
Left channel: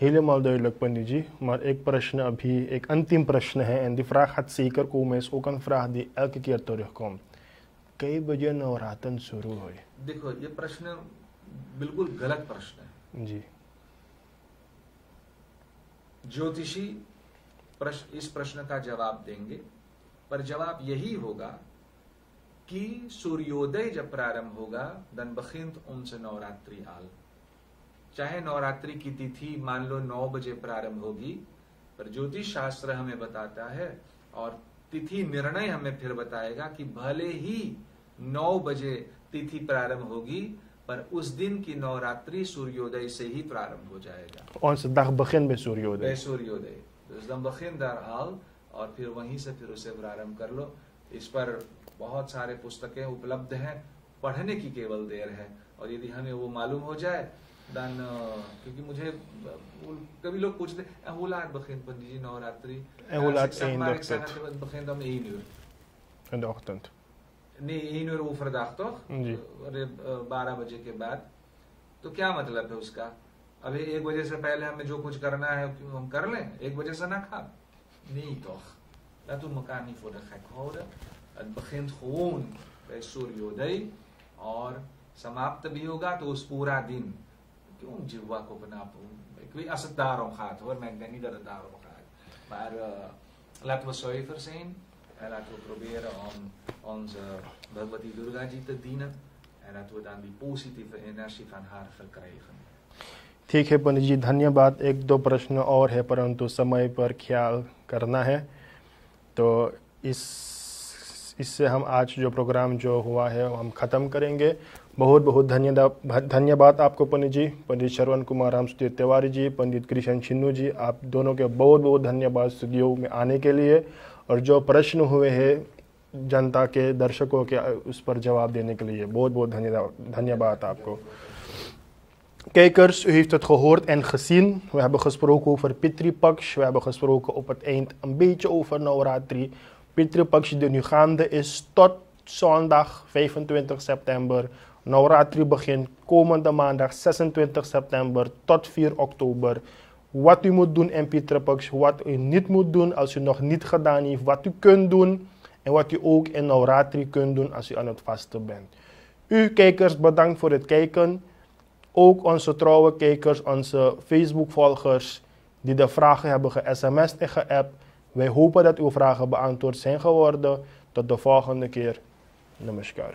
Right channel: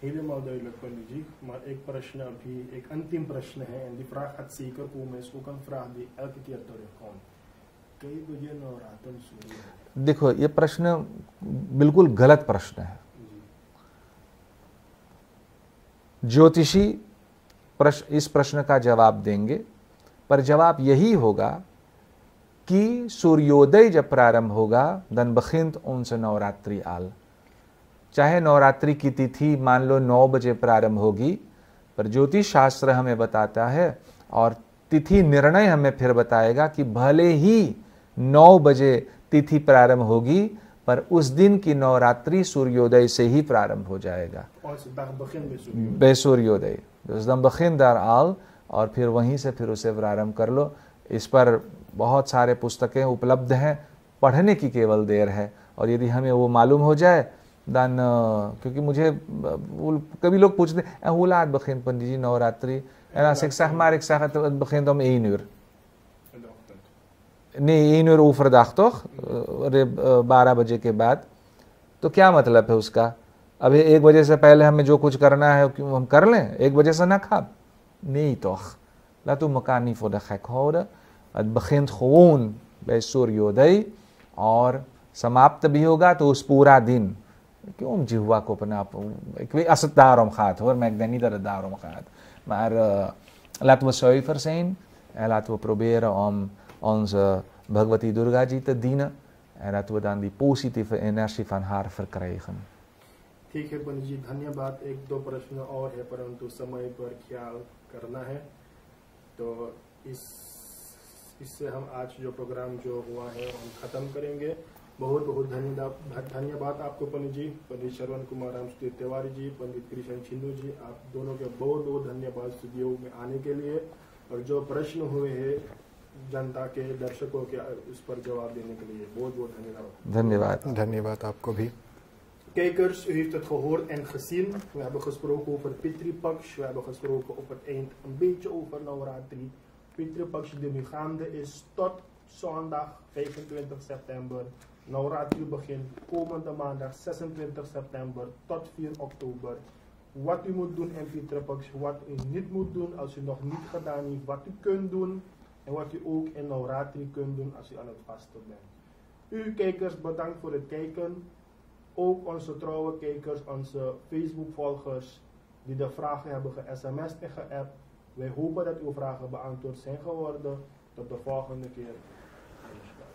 Helemaal duidelijk, pandit जी। Maar एक प्रश्न अभी, एक अंतिम प्रश्न है, en die vraag gaat zeker komen, is ook een vraag die elke keer terugkomt। कई बजे नवरात्र शुरू हुए? देखो, ये प्रश्न बिल्कुल गलत प्रश्न है जी। ज्योतिषी इस प्रश्न का जवाब देंगे, पर जवाब यही होगा कि सूर्योदय जब प्रारंभ होगा, दन बखिंत उनसे नवरात्रि आल। चाहे नवरात्रि की तिथि मान लो 9 बजे प्रारंभ होगी, पर ज्योतिष शास्त्र हमें बताता है, और तिथि निर्णय हमें फिर बताएगा कि भले ही 9 बजे तिथि प्रारंभ होगी, पर उस दिन की नवरात्रि सूर्योदय से ही प्रारंभ हो जाएगा। Onze dag begint bij सूर्योदय। bij सूर्योदय, dus dan begin daar al, और फिर वहीं से फिर उसे प्रारंभ कर लो। इस पर बहुत सारे पुस्तकें उपलब्ध हैं, पढ़ने की केवल देर है, और यदि हमें वो मालूम हो जाए दान, क्योंकि मुझे कभी लोग पूछते हैं hoe laat begint Pandit ji Navratri, en als ik zeg maar, ik zeg het begint om 1 uur in de ochtend। नहीं, 1 uur overdag toch, 12 बजे के बाद, तो क्या मतलब है उसका? अभी 1 बजे से पहले हमें जो कुछ करना है क्यों हम कर लें, 1 बजे से ना खा? Nee toch, laten we elkaar niet voor de gek houden। Het begint gewoon bij सूर्योदय, और समाप्त भी होगा तो उस पूरा दिन। क्यों जिह्वा को अपना, ik weet als het daarom gaat hoor, maar ik denk niet dat het daarom gaat. Maar laten we zuiver zijn, en laten we proberen om onze Bhagavati Durga ji te dienen, en laten we dan die positieve energie van haar verkrijgen। ठीक है पंडित जी, धन्यवाद। 1-2 प्रश्न और है, परंतु समय पर ख्याल करना है, तो इससे हम आज जो प्रोग्राम जो हुआ है हम ख़त्म करेंगे। बहुत बहुत धन्यवाद आपको पंडित जी, पंडित श्रवण कुमार रामसूत्री तिवारी जी, पंडित कृष्ण छिन्नू जी, आप दोनों के बहुत बहुत धन्यवाद स्टूडियो में आने के लिए, और जो प्रश्न हुए हैं जनता के, दर्शकों के, उस पर जवाब देने के लिए बहुत बहुत धन्यवाद आपको भी। Kijkers, u heeft het gehoord en gezien. We hebben gesproken over Pitri Paksh. We hebben gesproken op het eind een beetje over Navratri. Pitri Paksh die nu gaande is tot zondag 25 september Navratri begint komende maandag 26 september tot 4 oktober. Wat u moet doen in Pitre Puksh, wat u niet moet doen als u nog niet gedaan heeft, wat u kunt doen en wat u ook in Navratri kunt doen als u aan het vasten bent. U kijkers, bedankt voor het kijken. Ook onze trouwe kijkers, onze Facebook-volgers die de vragen hebben ge-sms'd en ge-appt. Wij hopen dat uw vragen beantwoord zijn geworden. Tot de volgende keer. Namaskar.